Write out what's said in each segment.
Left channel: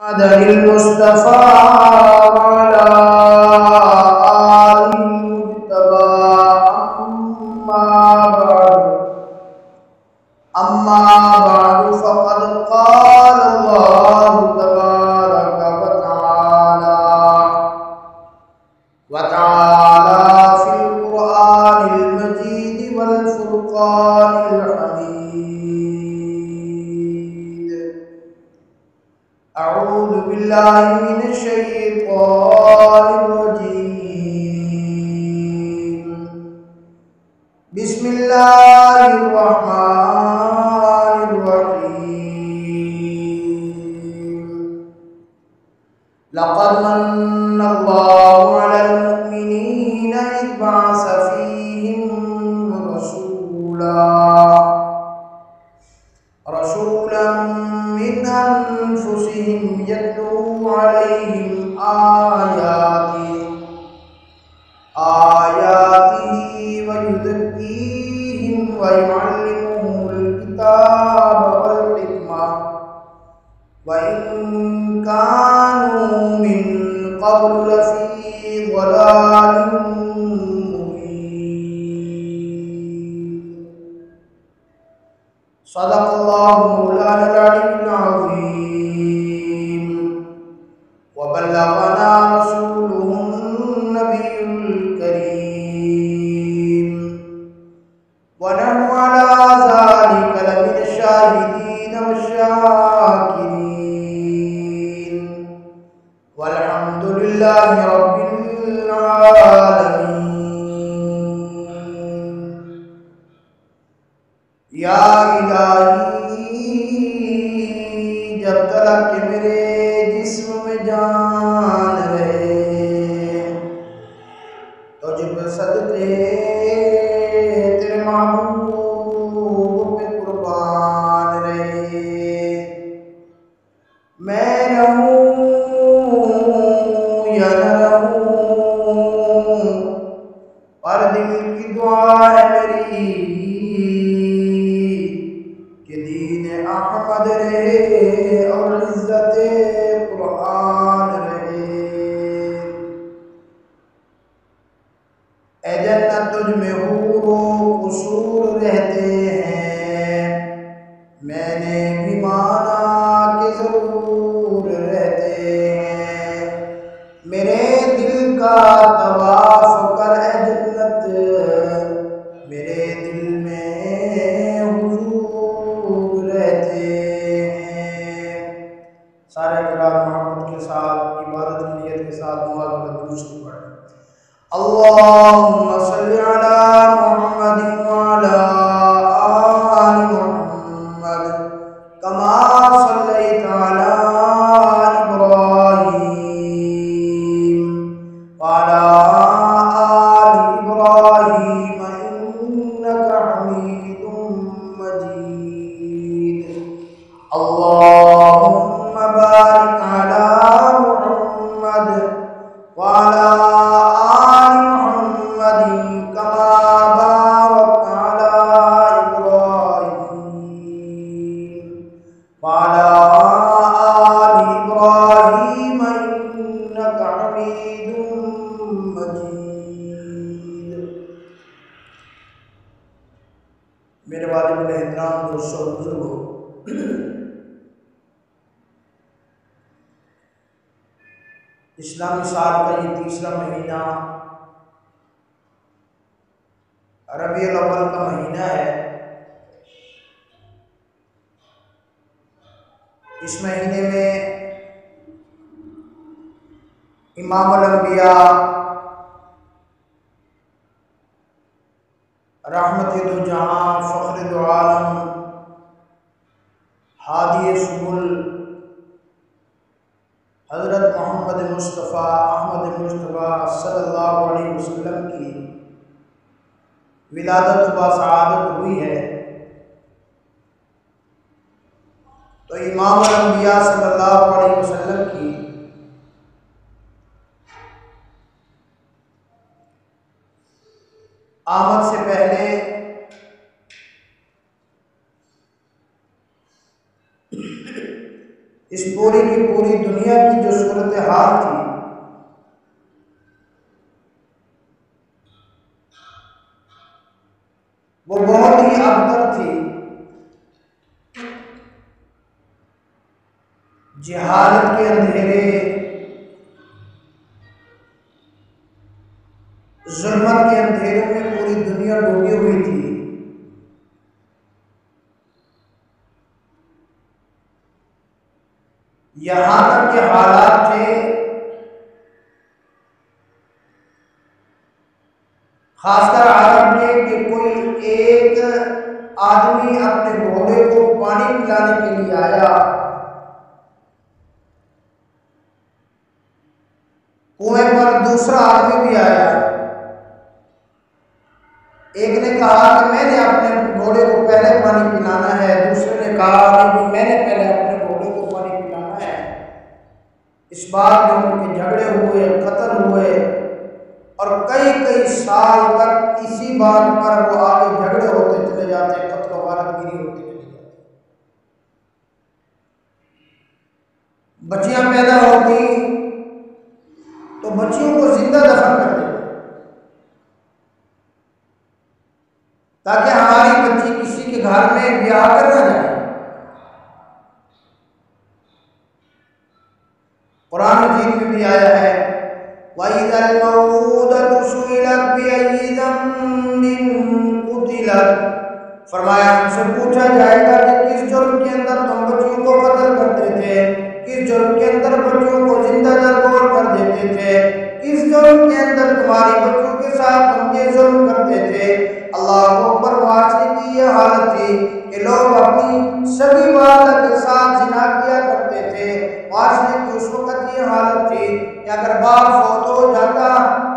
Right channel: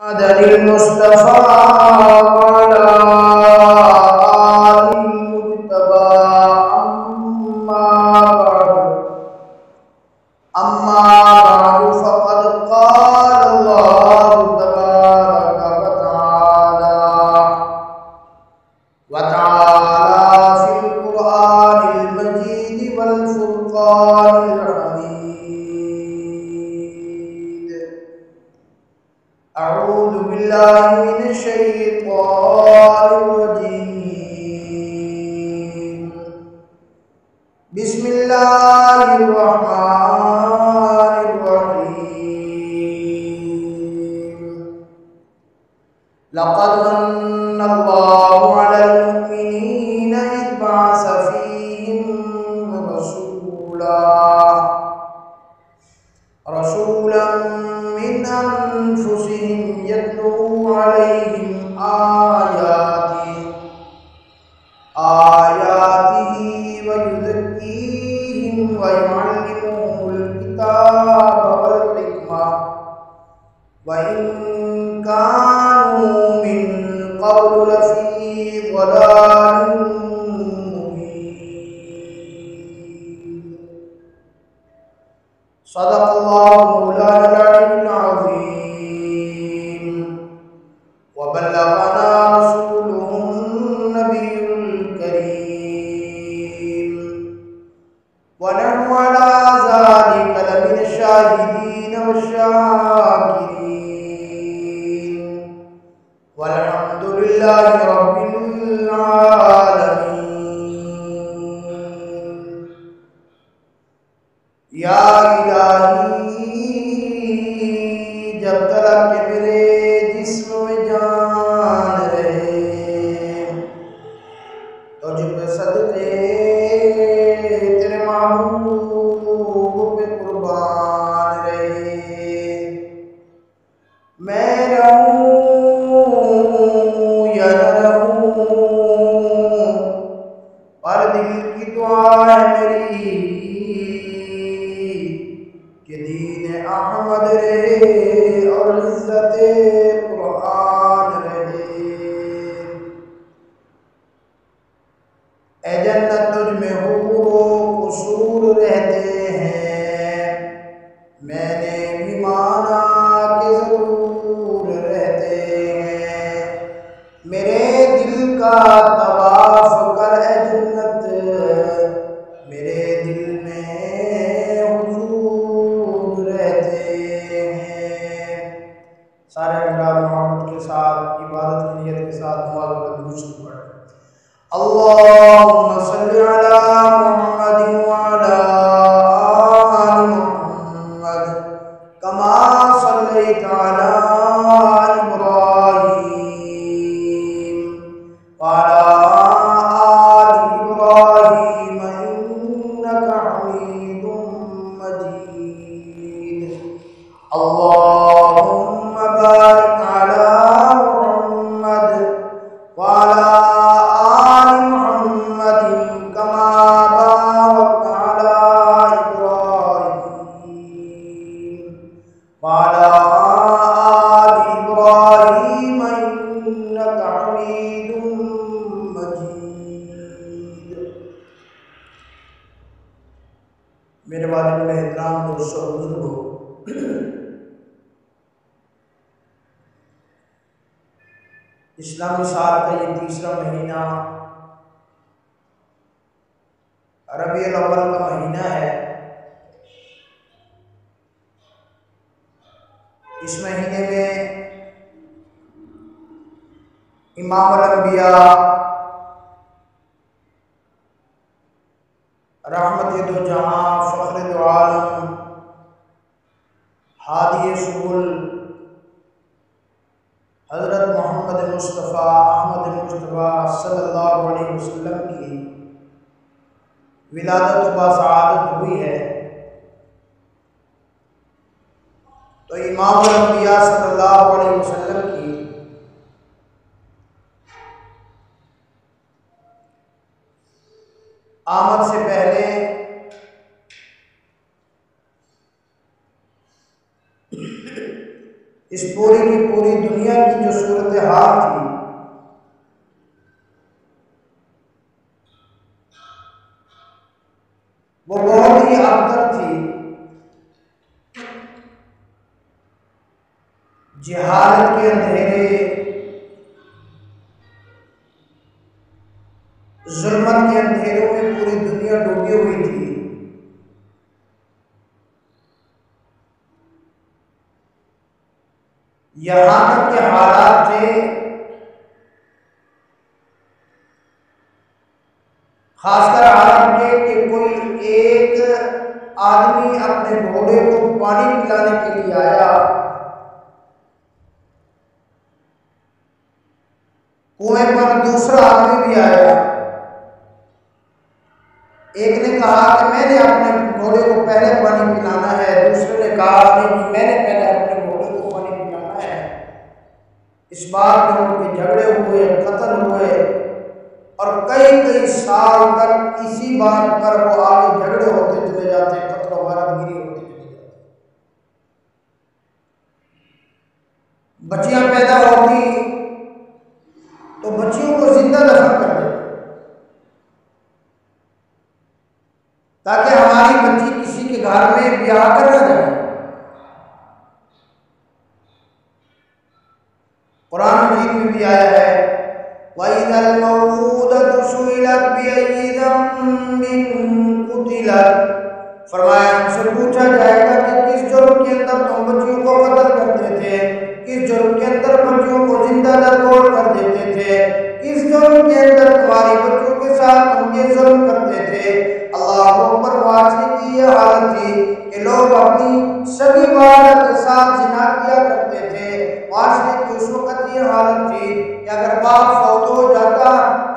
محمد المصطفى وعلى آل المجتبى أما بعد فقد قال الله تبارك وتعالى في القرآن المجيد والفرقان الحميد. أعوذ بالله من الشيطان الرجيم. بسم الله الرحمن الرحيم. لقد من الله على المؤمنين إذ بعث فيهم رسولا من أنفسهم يتلو عليهم آياته ويزكيهم ويعلمهم الكتاب والحكمة وإن كانوا من قبل لفي ضلال مبين. صدق الله مولانا العلي العظيم وبلغنا رسوله النبي الكريم ونحن على ذلك لمن الشاهدين والشاكرين والحمد لله رب العالمين. یا الہی جب تک کہ میرے جسم میں جان رہے تجھ پہ صدقے تیرے محبوب پہ قربان رہے. میں رہوں یا نہ رہوں پر دل کی دعا ہے میری کہ دین احمد رہے اور عزت قرآن رہے. اے جنت تجھ میں حور و قصور رہتے ہیں، میں نے بھی مانا کہ ضرور رہتے ہیں. میرے دل کا طواف کر اے جنت، میرے دل میں حضور رہتے ہیں. سارے حضرات محبت کے ساتھ عبادت کی نیت کے ساتھ نماز والا درود پڑھیں. اللهم صل على محمد وعلى آل محمد كما صليت على إبراهيم وعلى آل إبراهيم إنك حميد مجيد. اللهم بارك على محمد وعلى آل محمد كما باركت على إبراهيم وعلى آل إبراهيم إنك حميد مجيد. میرے واجب الاحترام دوستو بزرگو، اسلامی سال کا یہ تیسرا مہینہ ربیع الاول کا مہینہ ہے. اس مہینے میں امام الانبیاء رحمت دو جہاں فخر دو عالم ہادی سبل حضرت محمد مصطفیٰ احمد مجتبیٰ صلی اللہ علیہ وسلم کی ولادت و باسعادت ہوئی ہے. تو امام الانبیاء صلی اللہ علیہ وسلم کی آمد سے پہلے اس پوری کی پوری دنیا کی جو صورتحال تھی وہ بہت ہی ابتر تھی، جہالت کے اندھیرے، ظلمت کے اندھیروں میں پوری دنیا ڈوبی ہوئی تھی۔ یہاں تک کہ حالات تھے خاص کر عرب کے کہ کوئی ایک آدمی اپنے گھوڑے کو پانی پلانے کے لیے آیا، کنویں پر دوسرا آدمی بھی آیا، ایک نے کہا کہ میں نے اپنے گھوڑے کو پہلے پانی پلانا ہے، دوسرے نے کہا نہیں جی میں نے پہلے اپنے گھوڑے کو پانی پلانا ہے۔ اس بات میں ان کے جھگڑے ہوئے، قتل ہوئے، اور کئی سال تک اسی بات پر وہ آگے جھگڑے ہوتے چلے جاتے، قتل و غارت گیری ہوتی چلی جاتی۔ بچیاں پیدا ہوتی تو بچیوں کو زندہ دفن کر دیتے تاکہ ہماری بچی کسی کے گھر میں بیاہ کر نہ جائے۔ قرآن مجید میں بھی آیا ہے وَإِذَا الْمَوْءُودَةُ سُئِلَتْ بِأَيِّ ذَنبٍ قُتِلَتْ، فرمایا ہم سے پوچھا جائے گا کہ کس جرم کے اندر تم بچیوں کو قتل کرتے تھے، کس جرم کے اندر بچیوں کو زندہ درگور کر دیتے تھے، کس جرم کے اندر تمہاری بچوں کے ساتھ تم یہ ظلم کرتے تھے۔ اللہ اکبر، معاشرے کی یہ حالت تھی کہ لوگ اپنی سگی والدہ کے ساتھ زنا کیا کرتے تھے۔ معاشرے کی اس وقت یہ حالت تھی کہ اگر باپ فوت ہو جاتا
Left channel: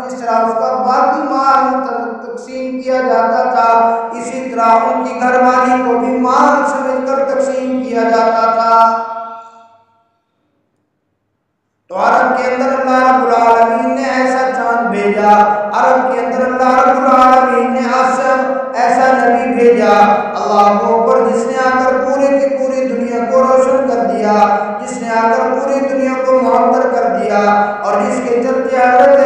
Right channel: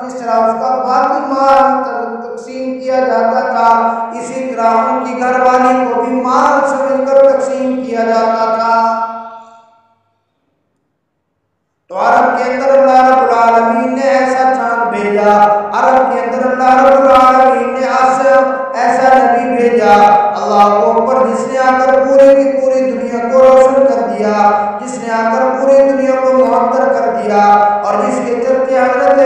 جس طرح اس کا باقی مال تقسیم کیا جاتا تھا، اسی طرح ان کی گھر والی کو بھی مال سمجھ کر تقسیم کیا جاتا تھا۔ تو عرب کے اندر اللہ رب العالمین نے ایسا چاند بھیجا، عرب کے اندر اللہ رب العالمین نے ایسا نبی بھیجا، اللہ کو اوپر، جس نے آ کر پورے کی پوری دنیا کو روشن کر دیا، جس نے آ کر پوری دنیا کو معطر کر دیا، اور جس کے چرچے حضرت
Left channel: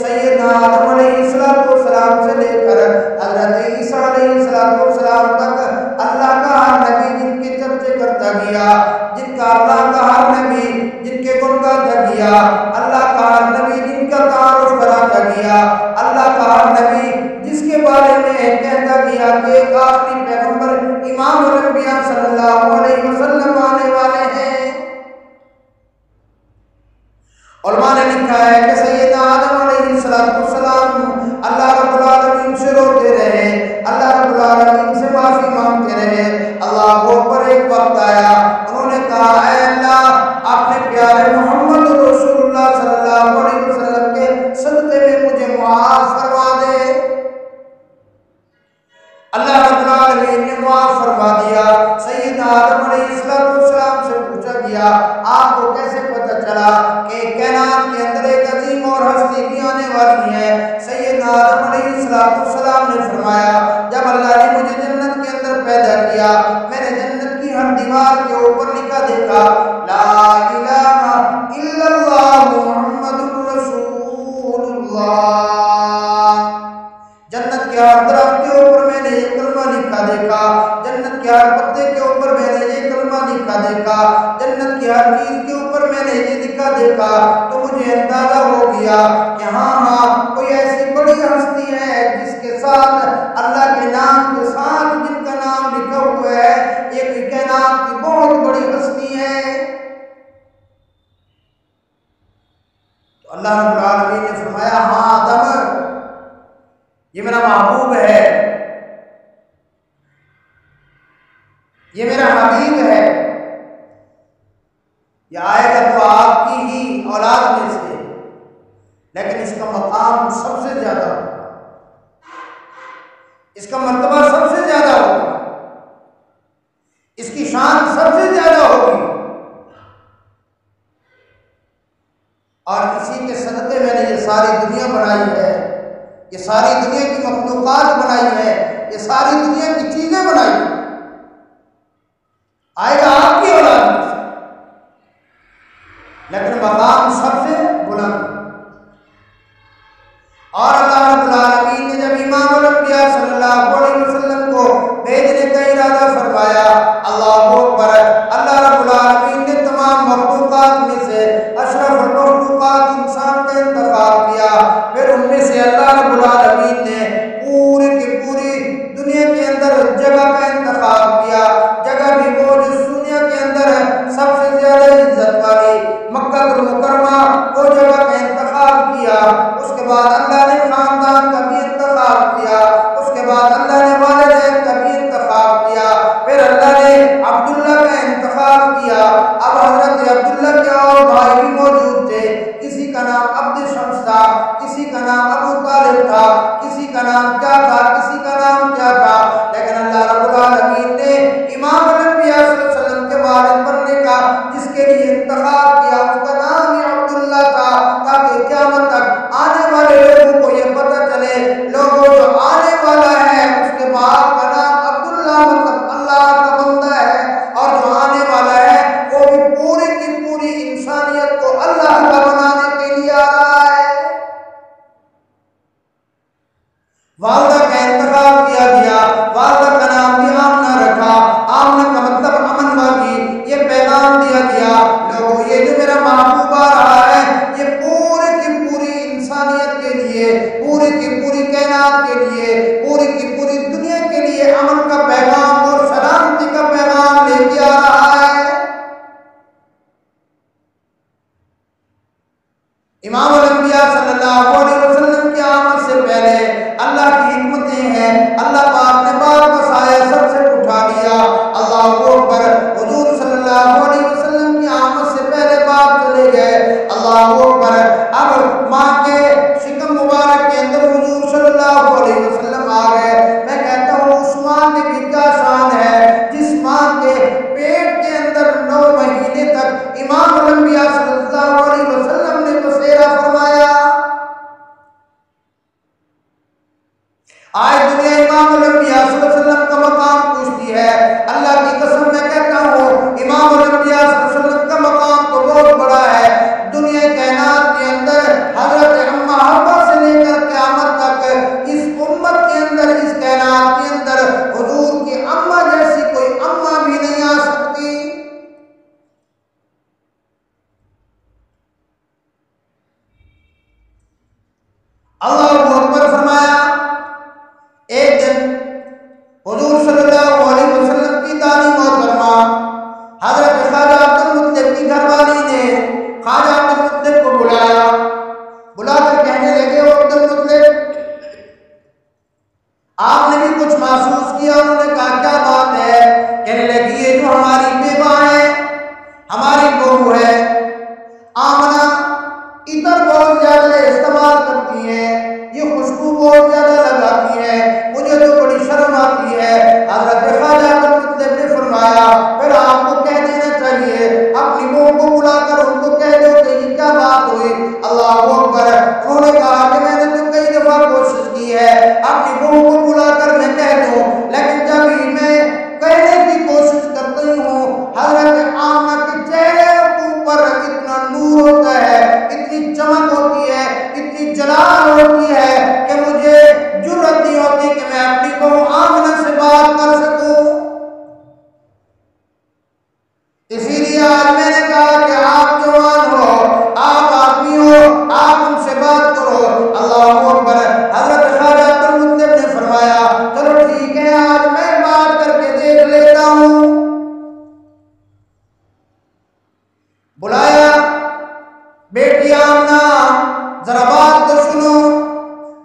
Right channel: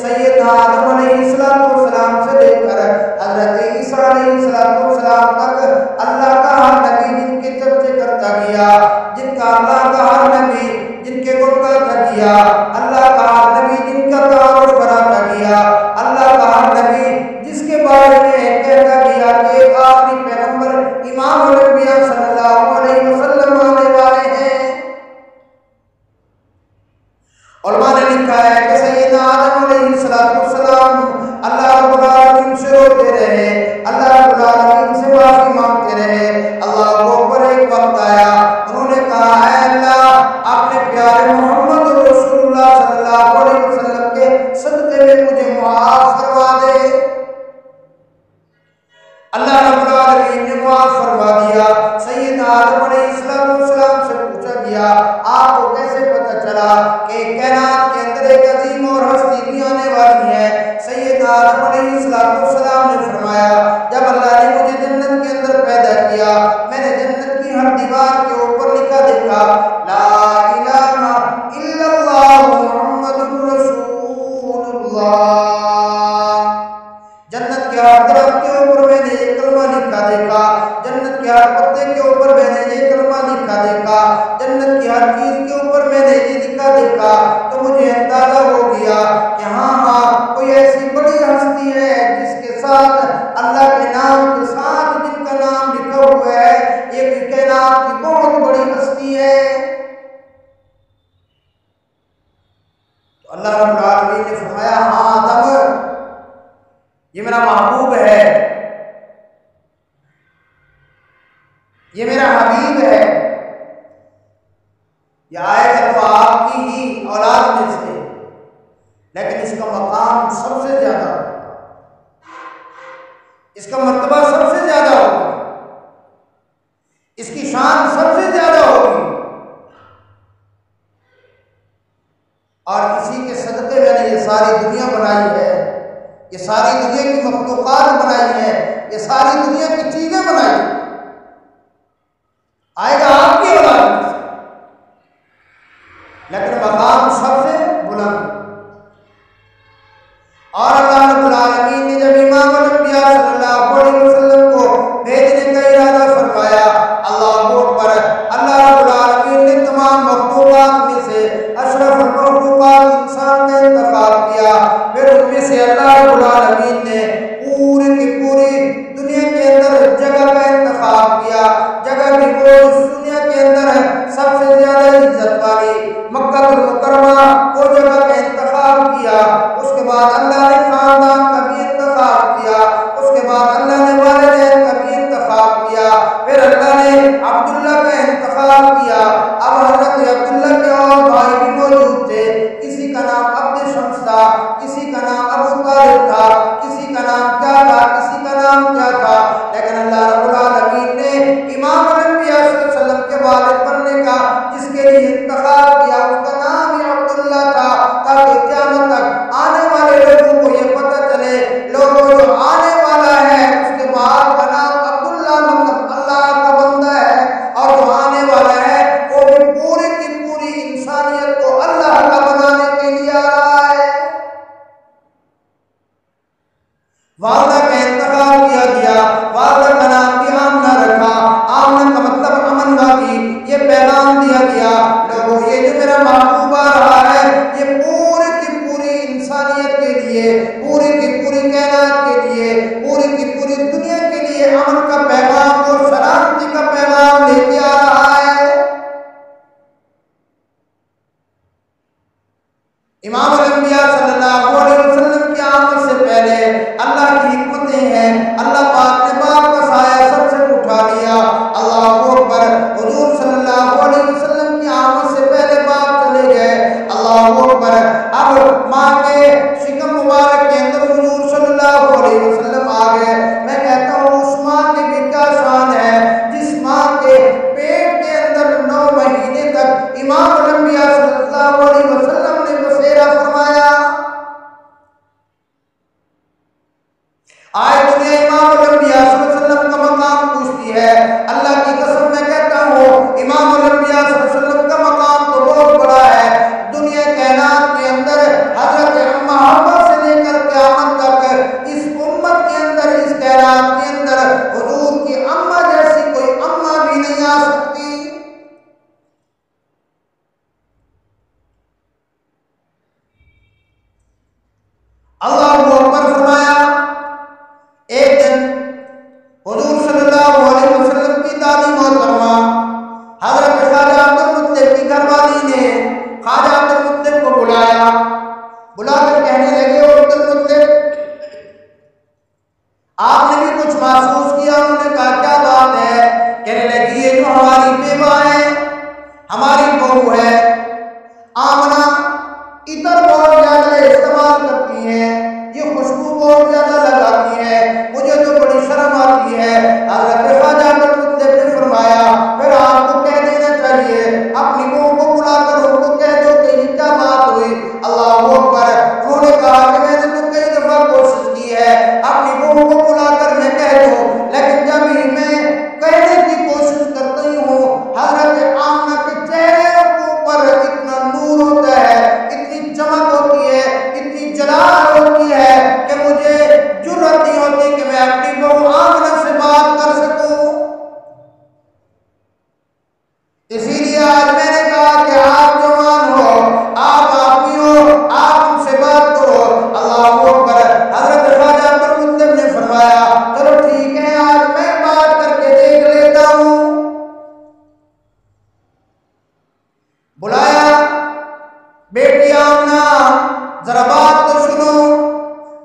سیدنا آدم علیہ السلام سے لے کر حضرت عیسیٰ علیہ السلام تک اللہ کا ہر نبی جن کے چرچے کرتا گیا، جن کا اللہ کا ہر نبی جن کے گن گاتا گیا، اللہ کا ہر نبی جن کا تعارف کراتا گیا، اللہ کا ہر نبی جس کے بارے میں کہتا گیا کہ ایک آخری پیغمبر امام الانبیاء صلی اللہ علیہ وسلم آنے والے ہیں۔ علماء نے لکھا ہے کہ سیدنا آدم علیہ السلام اللہ رب العالمین سے روتے رہے، اللہ رب العالمین سے معافی مانگتے رہے۔ اللہ کو اوپر ایک وقت آیا، انہوں نے کہا اے اللہ اپنے پیارے محمد رسول اللہ صلی اللہ علیہ وسلم کے صدقے میں مجھے معاف فرما دے۔ اللہ رب العالمین نے معاف فرما دیا۔ سیدنا آدم علیہ السلام سے پوچھا گیا آپ کو کیسے پتہ چلا کہ کائنات کے اندر ایک عظیم اور ہستی بھی آنے والی ہے؟ سیدنا آدم علیہ السلام نے فرمایا جب اللہ نے مجھے جنت کے اندر پیدا کیا، میں نے جنت کی ہر دیوار کے اوپر لکھا دیکھا لا الہ الا اللہ محمد رسول اللہ۔ جنت کے ہر درخت کے اوپر میں نے یہ کلمہ لکھا دیکھا، جنت کے ہر پتے کے اوپر میں نے یہ کلمہ لکھا دیکھا، جنت کی ہر چیز کے اوپر میں نے یہ لکھا دیکھا، تو مجھے اندازہ ہو گیا کہ ہاں کوئی ایسی بڑی ہستی ہے جس کے ساتھ اللہ کے نام کے ساتھ جن کا نام لکھا ہوا ہے، ایک کائنات کی بہت بڑی ہستی ہے۔ تو اللہ رب العالمین نے فرمایا ہاں آدم یہ میرا محبوب ہے، یہ میرا حبیب ہے، یہ آئے گا تو آپ کی ہی اولاد میں سے، لیکن اس کا مقام سب سے زیادہ ہوگا، اس کا مرتبہ سب سے زیادہ ہوگا، اس کی شان سب سے زیادہ ہوگی، اور اسی کے صدقے میں نے یہ ساری دنیا بنائی ہے، یہ ساری دنیا کی مخلوقات بنائی ہے، یہ ساری دنیا کی چیزیں بنائی ہیں، آئے گا آپ کی اولاد میں سے۔ لیکن مقام سب سے بلند۔ اور اللہ رب العالمین نے جب امام الانبیاء صلی اللہ علیہ وسلم کو بھیجنے کا ارادہ فرمایا، اللہ اکبر، اللہ رب العالمین نے تمام مخلوقات میں سے اشرف المخلوقات انسان کا انتخاب کیا، پھر ان میں سے اللہ رب العالمین نے پوری کی پوری دنیا کے اندر جگہ کا انتخاب کیا، جگہ بھی وہ جس دنیا کے اندر سب سے زیادہ عزت والی مکہ المکرمہ، وہ جگہ کا انتخاب کیا۔ اس کے بعد اللہ نے خاندان کا بھی انتخاب کیا، اس کے بعد اللہ نے والدین کا بھی انتخاب کیا، پھر اللہ نے عبداللہ کا انتخاب کیا۔ اب حضرت عبداللہ کے اور بھائی بھی موجود تھے، کسی کا نام عبد شمس تھا، کسی کا نام ابو طالب تھا، کسی کا نام کیا تھا، کسی کا نام کیا تھا، لیکن اللہ رب العالمین نے امام الانبیاء صلی اللہ علیہ وسلم کے والد بننے کا جس کے لیے انتخاب کیا، اس کا نام ہی عبداللہ تھا، تاکہ قیامت تک آنے والے لوگوں کو یہ پتہ چلے، لوگوں جو آنے والا ہے اس کے بعد کا نام عبداللہ مطلب اللہ کا بندہ ہے، اور جو آنے والا ہے وہ بھی پوری کی پوری انسانیت کو اللہ کا بنانے کے لیے آ رہا ہے۔ والدہ کا انتخاب کیا گیا، والدہ کا نام بھی آمنہ رکھا، آمنہ کا مطلب امن والی۔ یہ پیغام دیا گیا، لوگوں یہ جو میرا محبوب آ رہا ہے یہ پوری کی پوری انسانیت کے لیے، پوری کی پوری کائنات کے لیے، پوری کی پوری دنیا کے لیے امن کا پیغام اور سلامتی کا پیغام لے کے آ رہا ہے۔ امام الانبیاء صلی اللہ علیہ وسلم کی آمد سے پہلے اللہ کی حکمتیں ہیں، اللہ پاک نے باپ کا سایہ سر سے اٹھا لیا، اللہ اکبر، حضور صلی اللہ علیہ وسلم کی آمد سے پہلے باپ چلے گئے، اللہ اکبر، اب ماں کے شکم مبارک کے اندر حضور صلی اللہ علیہ وسلم آ گئے۔ میں کہتا ہوں اس ماں کی بھی کیا شان ہے جس ماں کے پیٹ کے اندر 9 مہینے تک امام الانبیاء صلی اللہ علیہ وسلم نے بسیرا فرمایا۔ آج دنیا امام الانبیاء صلی اللہ علیہ وسلم کا مقام پوچھتی ہے، اللہ کی قسم میں کہتا ہوں امام الانبیاء صلی اللہ علیہ وسلم کا مقام تو بہت بڑا ہے۔ دنیا کائنات کے اندر حضرت اماں حوا سے لے کر قیامت تک اس امت کے اندر، اس کائنات کے اندر حضور کی اماں جیسی کوئی اماں بھی نہیں آ سکتی۔ اللہ اکبر فرمایا۔ ایک دن حضور صلی اللہ علیہ وسلم کی دادی محترمہ حضرت خواجہ عبد المطلب کی گھر والی نے خواجہ عبد المطلب کو بلایا، بلا کر کہنے لگے، عبد المطلب آپ نے بھی کچھ محسوس کیا؟ انہوں نے کہا کیا بات ہے؟ کہنے لگی یہ جو ہماری بیوہ ہے، ہماری بہو ہے آمنہ، عطر بہت زیادہ استعمال کرتی ہیں، یہ خوشبو بہت زیادہ لگاتی ہے، مجھے تو بڑی شرم آتی ہے۔ حضرت خواجہ عبد المطلب نے فرمایا پھر آپ کو کہہ دینا چاہیے، اپنی بہو کو بلا کر ان کو کہہ دو کہ یہ کیا بات ہوئی۔ اللہ اکبر، انہوں نے کہا کہ میں نے تو کئی دفعہ کوشش کی ہے اپنی بہو کو بلا کر میں کہہ دوں، لیکن جب ہی میں کہنے کی کوشش کرتی ہوں حضرت آمنہ کے چہرے کے اوپر اتنا نور ہوتا ہے، اتنی چمک ہوتی ہے، اتنی جلال ہوتی ہے کہ مجھے جرأت نہیں ہوتی کہ میں اپنی بہو آمنہ سے بات کر سکوں۔ اسی لیے آج میں نے کہا کہ آپ جوان ہو، آپ آدمی ہو، آپ ہم سے بات کرو۔ اللہ اکبر، حضرت خواجہ عبد المطلب نے فرمایا چلو ٹھیک ہے آج میں بات کر کے دیکھ لیتا ہوں۔ بلایا، بیٹی آمنہ ذرا بات تو سنو۔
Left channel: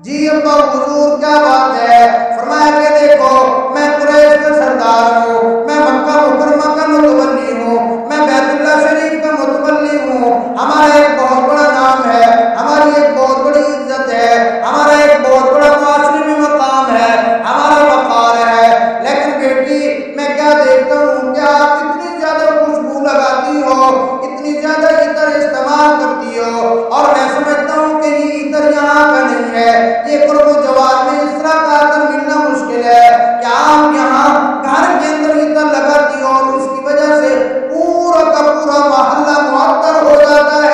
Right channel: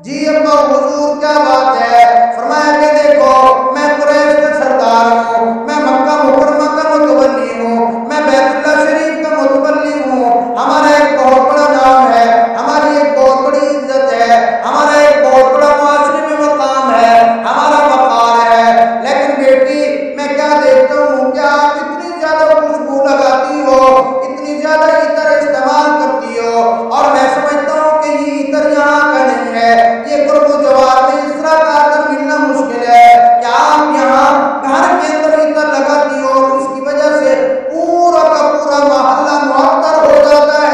جی ابا حضور کیا بات ہے؟ فرمایا کہ دیکھو میں قریش کا سردار ہوں، میں مکہ مکرمہ کا متولی ہوں، میں بیت اللہ شریف کا متولی ہوں، ہمارا ایک بہت بڑا نام ہے، ہماری ایک بہت بڑی عزت ہے، ہمارا ایک بہت بڑا معاشرے میں مقام ہے، ہمارا وقار ہے، لیکن بیٹی میں کیا دیکھتا ہوں کہ آپ اتنی زیادہ خوشبو لگاتی ہو، اتنی زیادہ عطر استعمال کرتی ہو، اور میں سمجھتا ہوں کہ یہ عطر یہاں کا نہیں ہے، یہ قرب و جوار میں اس طرح کا عطر ملنا مشکل ہے کہ آپ یہاں گھر کے اندر عطر لگاتی ہو اور اس کی وجہ سے پورا کا پورا محلہ معطر ہو جاتا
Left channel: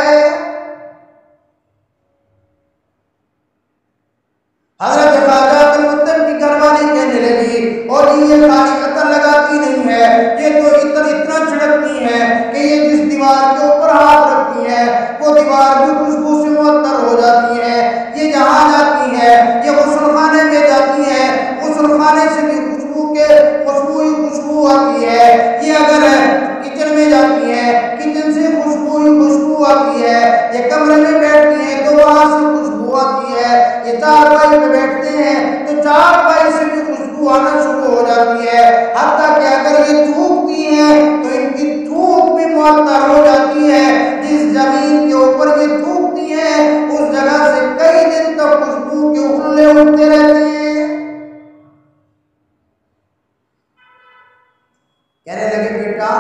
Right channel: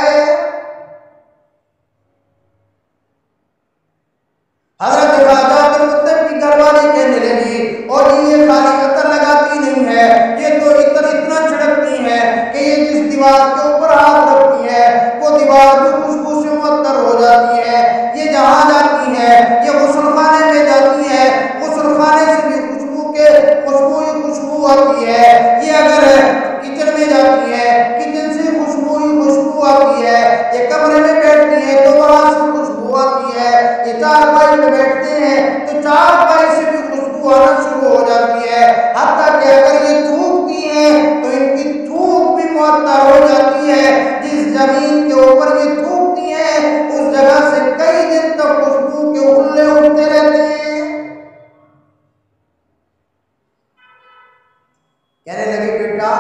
یہ کمرے میں بیٹھتی ہیں تو وہاں سے خوشبو آتی ہے، یہ چارپائی پہ بیٹھتے ہیں تو چارپائی سے بھی خوشبو آنا شروع ہو جاتی ہے، حتیٰ کہ اگر یہ تھوکتی ہیں تو ان کی تھوک بھی معطر ہو جاتی ہے۔ جس زمین کے اوپر یہ تھوکتی ہیں اس جگہ سے کئی دن تک خوشبو کے حلے اٹھتے رہتے ہیں۔ کہنے لگے بیٹا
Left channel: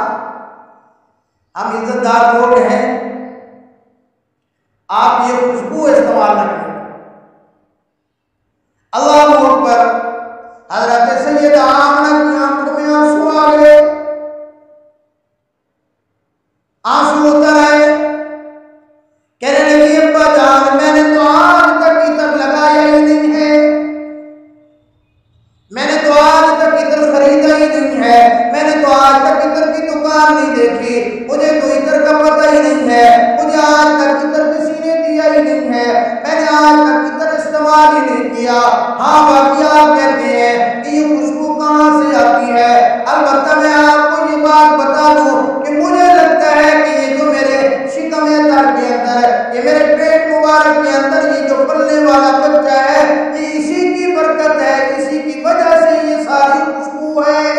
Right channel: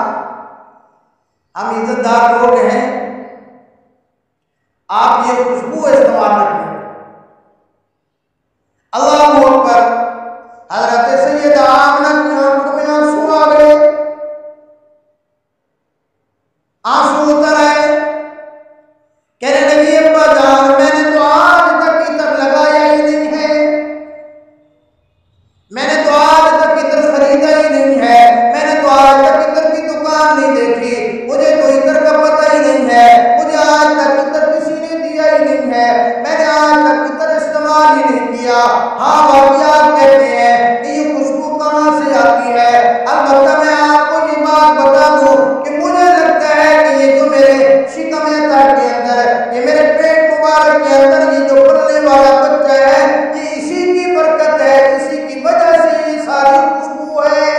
ہم عزت دار لوگ ہیں، آپ یہ خوشبو استعمال نہ کریں۔ اللہ اکبر، حضرت سیدہ آمنہ کی آنکھوں میں آنسو آ گئے، آنسو اتر آئے، کہنے لگی ابا جان میں نے تو آج تک عطر لگایا ہی نہیں ہے، میں نے تو آج تک عطر خریدا ہی نہیں ہے، میں نے تو آج تک عطر کی دکان نہیں دیکھی، مجھے تو عطر کا پتہ ہی نہیں ہے، مجھے آج تک عطر کسی نے دیا ہی نہیں ہے، میں نے آج تک عطر استعمال ہی نہیں کیا۔ ہاں باقی آپ کہتے ہیں کہ یہ خوشبو کہاں سے آتی ہے، البتہ میں آپ کو یہ بات بتا دوں کہ مجھے لگتا ہے کہ یہ جو میرے شکم اطہر کے اندر، یہ میرے پیٹ مبارک کے اندر یہ جو پلنے والا بچہ ہے، یہ اسی کی برکت ہے، اسی کی وجہ سے یہ ساری خوشبو ہے۔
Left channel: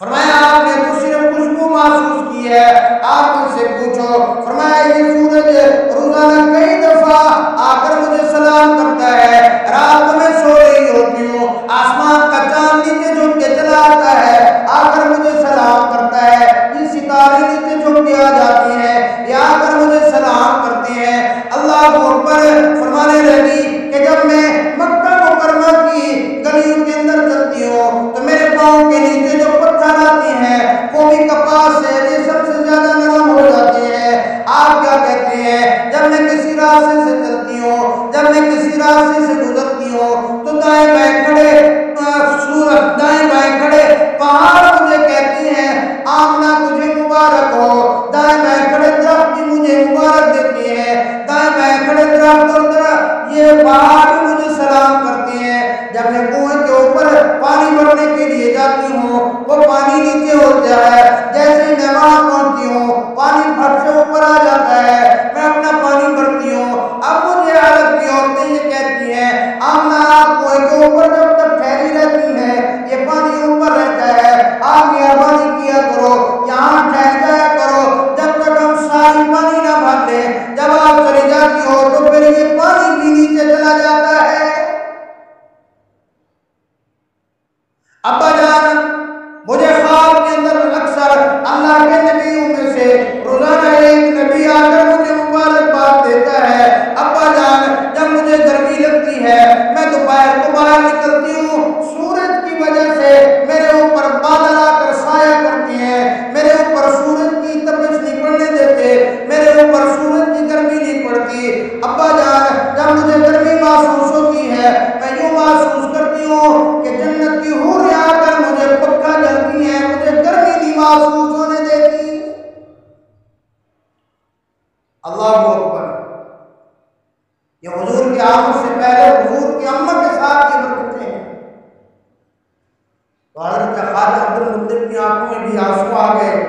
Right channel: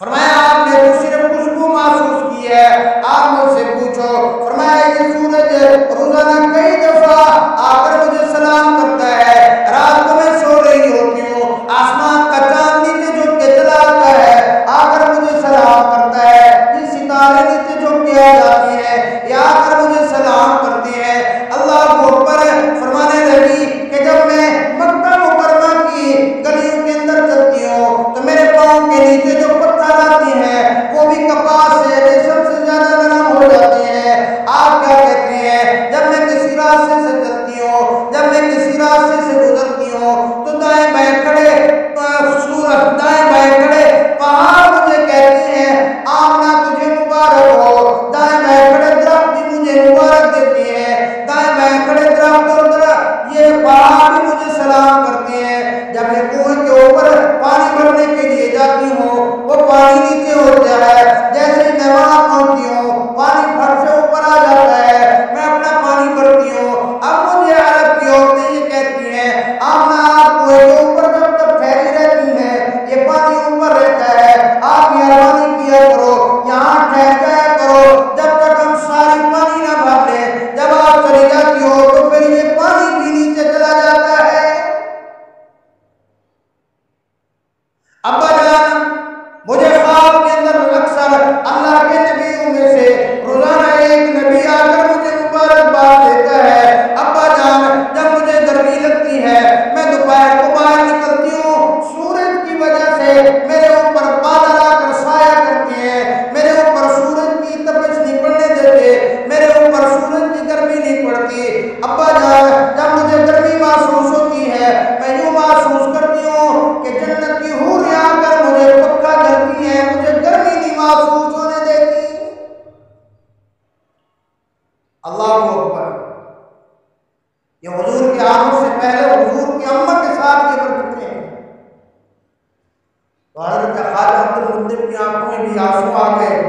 فرمایا آپ نے تو صرف خوشبو محسوس کی ہے، آپ مجھ سے پوچھو۔ فرمایا یہ سورج روزانہ کئی دفعہ آ کر مجھے سلام کرتا ہے، رات کو میں سو رہی ہوتی ہوں، آسمان کا چاند نیچے جھک کے چلا آتا ہے، آ کر مجھے سلام کرتا ہے، یہ ستارے نیچے جھک کے آ جاتی ہیں، یہ آ کر مجھے سلام کرتے ہیں۔ اللہ اکبر، فرمانے لگی کہ جب میں مکہ مکرمہ کی گلیوں کے اندر چلتی ہوں تو میرے پاؤں کے نیچے جو پتھر آتی ہیں وہ بھی کپاس سے ریشم سے زیادہ نرم ہو جاتے ہیں۔ آپ کیا کہتے ہیں جب میں کسی راستے سے چلتی ہوں، جب میں کسی راستے سے گزرتی ہوں تو دائیں بائیں کھڑے سورج، دائیں بائیں کھڑے پہاڑ مجھے کہتے ہیں آمنہ تجھے مبارک ہو، دائیں بائیں کھڑے درخت بھی مجھے مبارک دیتے ہیں، دائیں بائیں کھڑے درخت اور درخت یہ پہاڑ بھی مجھے سلام کرتے ہیں۔ جب میں کنویں کے اوپر پانی بھرنے کے لیے جاتی ہوں وہ پانی نیچے ہوتا ہے، جیسے ہی میں وہاں پہنچتی ہوں پانی پھٹ سے اوپر آ جاتا ہے، میں اپنا پانی بھرتی ہوں۔ اب مجھے عرب کی عورتیں یہ کہتی ہیں آمنہ آپ کنویں کے اوپر جب تک ٹھہری رہتی ہیں یہ پانی اوپر رہتا ہے، آپ مہربانی کیا کرو یہاں ٹھہر جایا کرو جب تک ہم ساری پانی نہ بھر لیں، جب آپ چلی جاتی ہو تو پھر یہ پانی بھی نیچے چلا جاتا ہے۔ ابا جان مجھے خواب کے اندر اکثر اللہ کے نبیوں میں سے روزانہ ایک نبی آ کر مجھے مبارکباد دیتا ہے۔ ابا جان جب مجھے گرمی لگتی ہے میں دوپہر کو باہر نکلتی ہوں، سورج کی وجہ سے میرے اوپر بادل آ کر سایہ کرتے ہیں، میرے اوپر سورج کی تپش نہیں پڑنے دیتے، میرے اوپر سورج کی گرمی نہیں پڑتی۔ ابا جان جب مجھے گرمی محسوس ہوتی ہے میں یوں محسوس کرتی ہوں کہ جنت کی حور آ کر مجھے پکا جلتی ہیں، مجھے گرمی نہیں محسوس ہونے دیتی۔ اللہ اکبر، یہ حضور کی آمد سے پہلے حضور کی امت کے ساتھ یہ برکتیں ہیں۔ تو حضرت خواجہ عبد المطلب کی آنکھوں میں بھی آنسو آ گئے،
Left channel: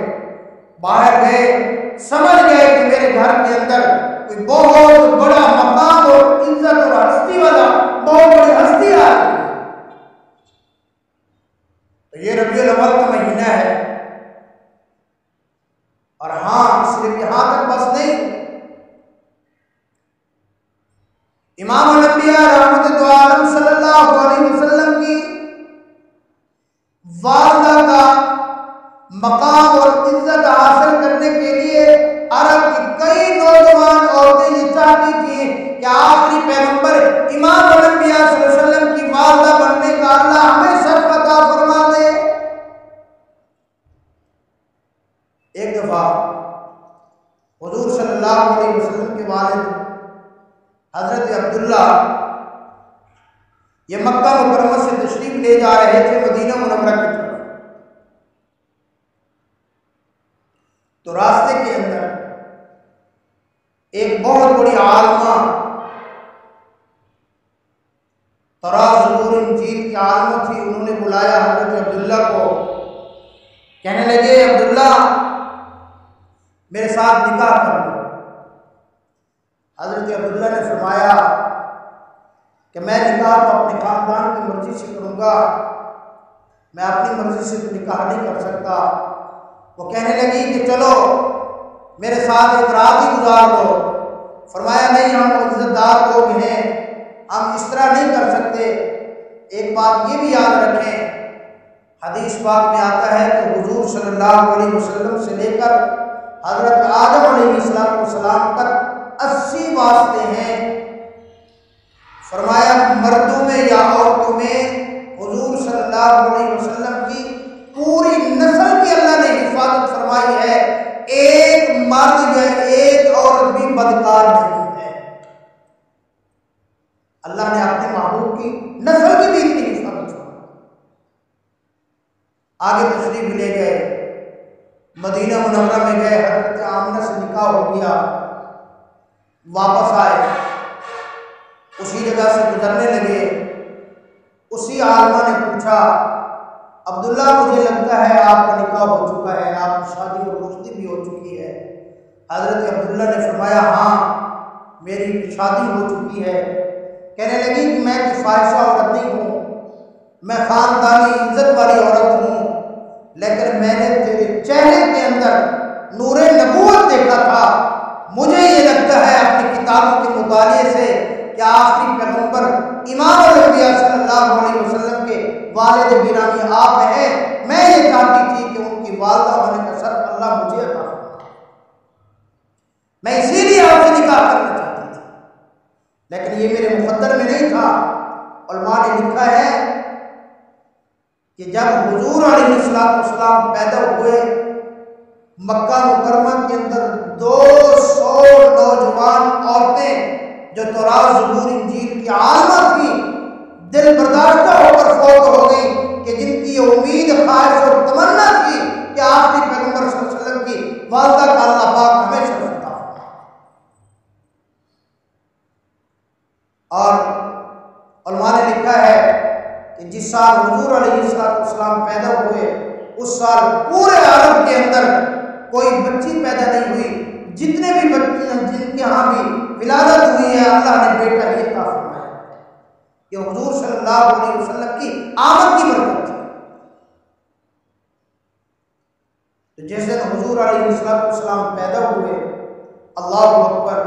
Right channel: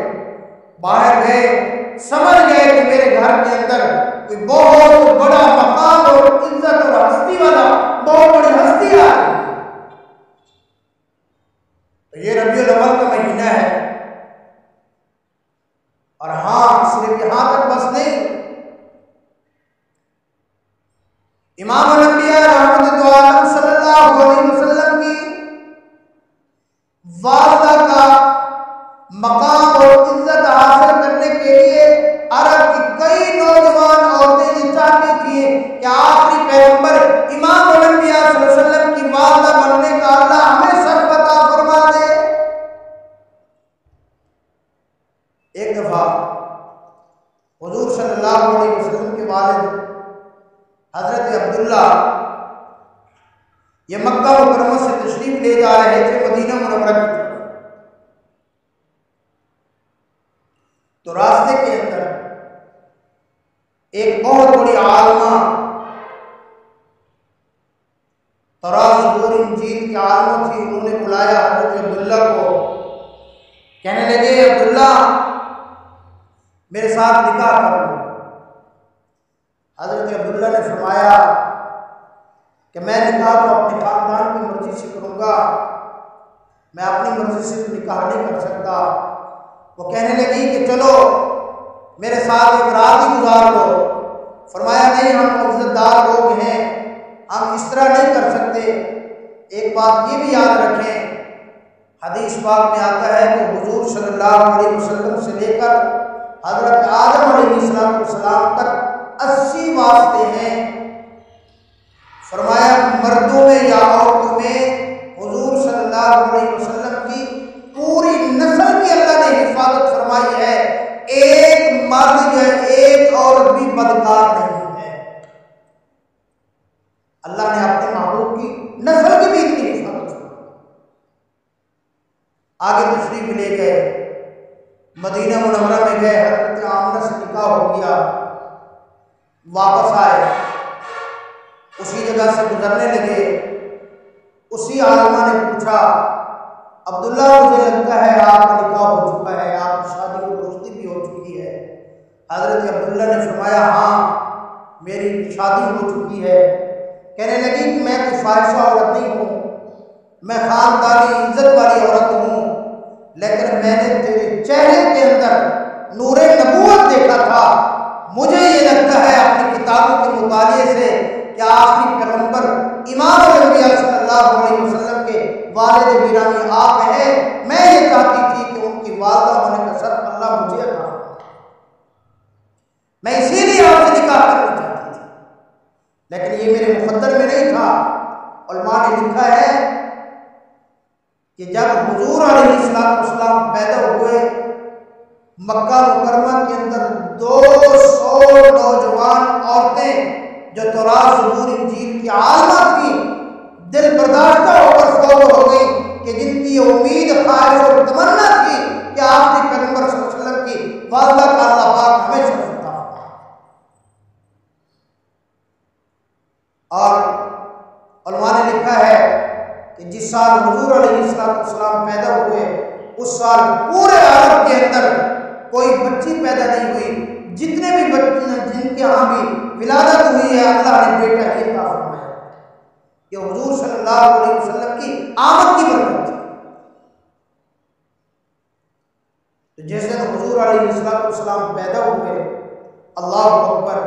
باہر گئے، سمجھ گئے کہ میرے گھر کے اندر کوئی بہت بڑا مقام اور عزت اور ہستی والا بہت بڑی ہستی آ رہی ہے۔ تو یہ ربیع الاول کا مہینہ ہے، اور ہاں صرف یہاں تک بس نہیں، امام الانبیاء رحمت دو عالم صلی اللہ علیہ وسلم کی والدہ کا مقام اور عزت حاصل کرنے کے لیے عرب کی کئی نوجوان عورتیں یہ چاہتی تھیں کہ آخری پیغمبر امام الانبیاء صلی اللہ علیہ وسلم کی والدہ بننے کا اللہ ہمیں شرف عطا فرما دے۔ ایک دفعہ حضور صلی اللہ علیہ وسلم کے والد حضرت عبداللہ یہ مکہ مکرمہ سے تشریف لے جا رہے تھے مدینہ منورہ کی طرف، تو راستے کے اندر ایک بہت بڑی عالمہ، تورات زبور انجیل کی عالمہ تھی، انہوں نے بلایا حضرت عبداللہ کو، کہنے لگے عبداللہ میرے ساتھ نکاح کر لو۔ حضرت عبداللہ نے فرمایا کہ میں نکاح تو اپنے خاندان کی مرضی سے کروں گا، میں اپنی مرضی سے تو نکاح نہیں کر سکتا۔ وہ کہنے لگی کہ چلو میرے ساتھ ایک رات ہی گزار لو۔ فرمایا نہیں، ہم عزت دار لوگ ہیں، ہم اس طرح نہیں کر سکتے۔ ایک بات یہ بھی یاد رکھیں، حدیث پاک میں آتا ہے کہ حضور صلی اللہ علیہ وسلم سے لے کر حضرت آدم علیہ السلام تک 80 واسطے ہیں۔ فرمایا مردوں میں یا عورتوں میں حضور صلی اللہ علیہ وسلم کی پوری نسل کی اللہ نے حفاظت فرمائی ہے، ایک مرد یا ایک عورت بھی بدکار نہیں ہے۔ اللہ نے اپنے محبوب کی نسل کی بھی اتنی حفاظت فرمائی۔ آگے تشریف لے گئے، مدینہ منورہ میں گئے، حضرت آمنہ سے نکاح ہو گیا، واپس آئے، اسی جگہ سے گزرنے لگے، اسی عالمہ نے پوچھا عبداللہ مجھے لگتا ہے آپ کا نکاح ہو چکا ہے، آپ کی شادی اور رشتے بھی ہو چکی ہے۔ حضرت عبداللہ نے فرمایا ہاں میری شادی ہو چکی ہے۔ کہنے لگی کہ میں کوئی فاحشہ عورت نہیں ہوں، میں خاندانی عزت والی عورت ہوں، لیکن میں نے تیرے چہرے کے اندر نور نبوت دیکھا تھا، مجھے یہ لگتا ہے اپنی کتابوں کے مطالعے سے کہ آخری پیغمبر امام الانبیاء صلی اللہ علیہ وسلم کے والد گرامی آپ ہیں، میں یہ چاہتی تھی کہ ان کی والدہ ہونے کا شرف اللہ مجھے عطا فرمائے، میں اسی لیے آپ سے نکاح کرنا چاہتی تھی، لیکن یہ میرے مقدر میں نہیں تھا۔ علماء نے لکھا ہے کہ جب حضور علیہ السلام پیدا ہوئے، مکہ مکرمہ کے اندر 200 نوجوان عورتیں جو تورات زبور انجیل کی عالمہ تھی دل برداشتہ ہو کر فوت ہو گئی، کہ جن کی یہ امید خواہش اور تمنا تھی کہ آخری پیغمبر صلی اللہ علیہ وسلم کی والدہ کا اللہ پاک ہمیں شرف عطا فرمائے۔ اور علماء نے لکھا ہے کہ جس سال حضور علیہ السلام پیدا ہوئے اس سال پورے عرب کے اندر کوئی بچی پیدا نہیں ہوئی، جتنے بھی بچے جن کے ہاں بھی ولادت ہوئی ہے اللہ نے بیٹا ہی عطا فرمایا، کہ حضور صلی اللہ علیہ وسلم کی آمد کی برکت تھی۔ تو جس دن حضور علیہ السلام پیدا ہوئے، اللہ اکبر،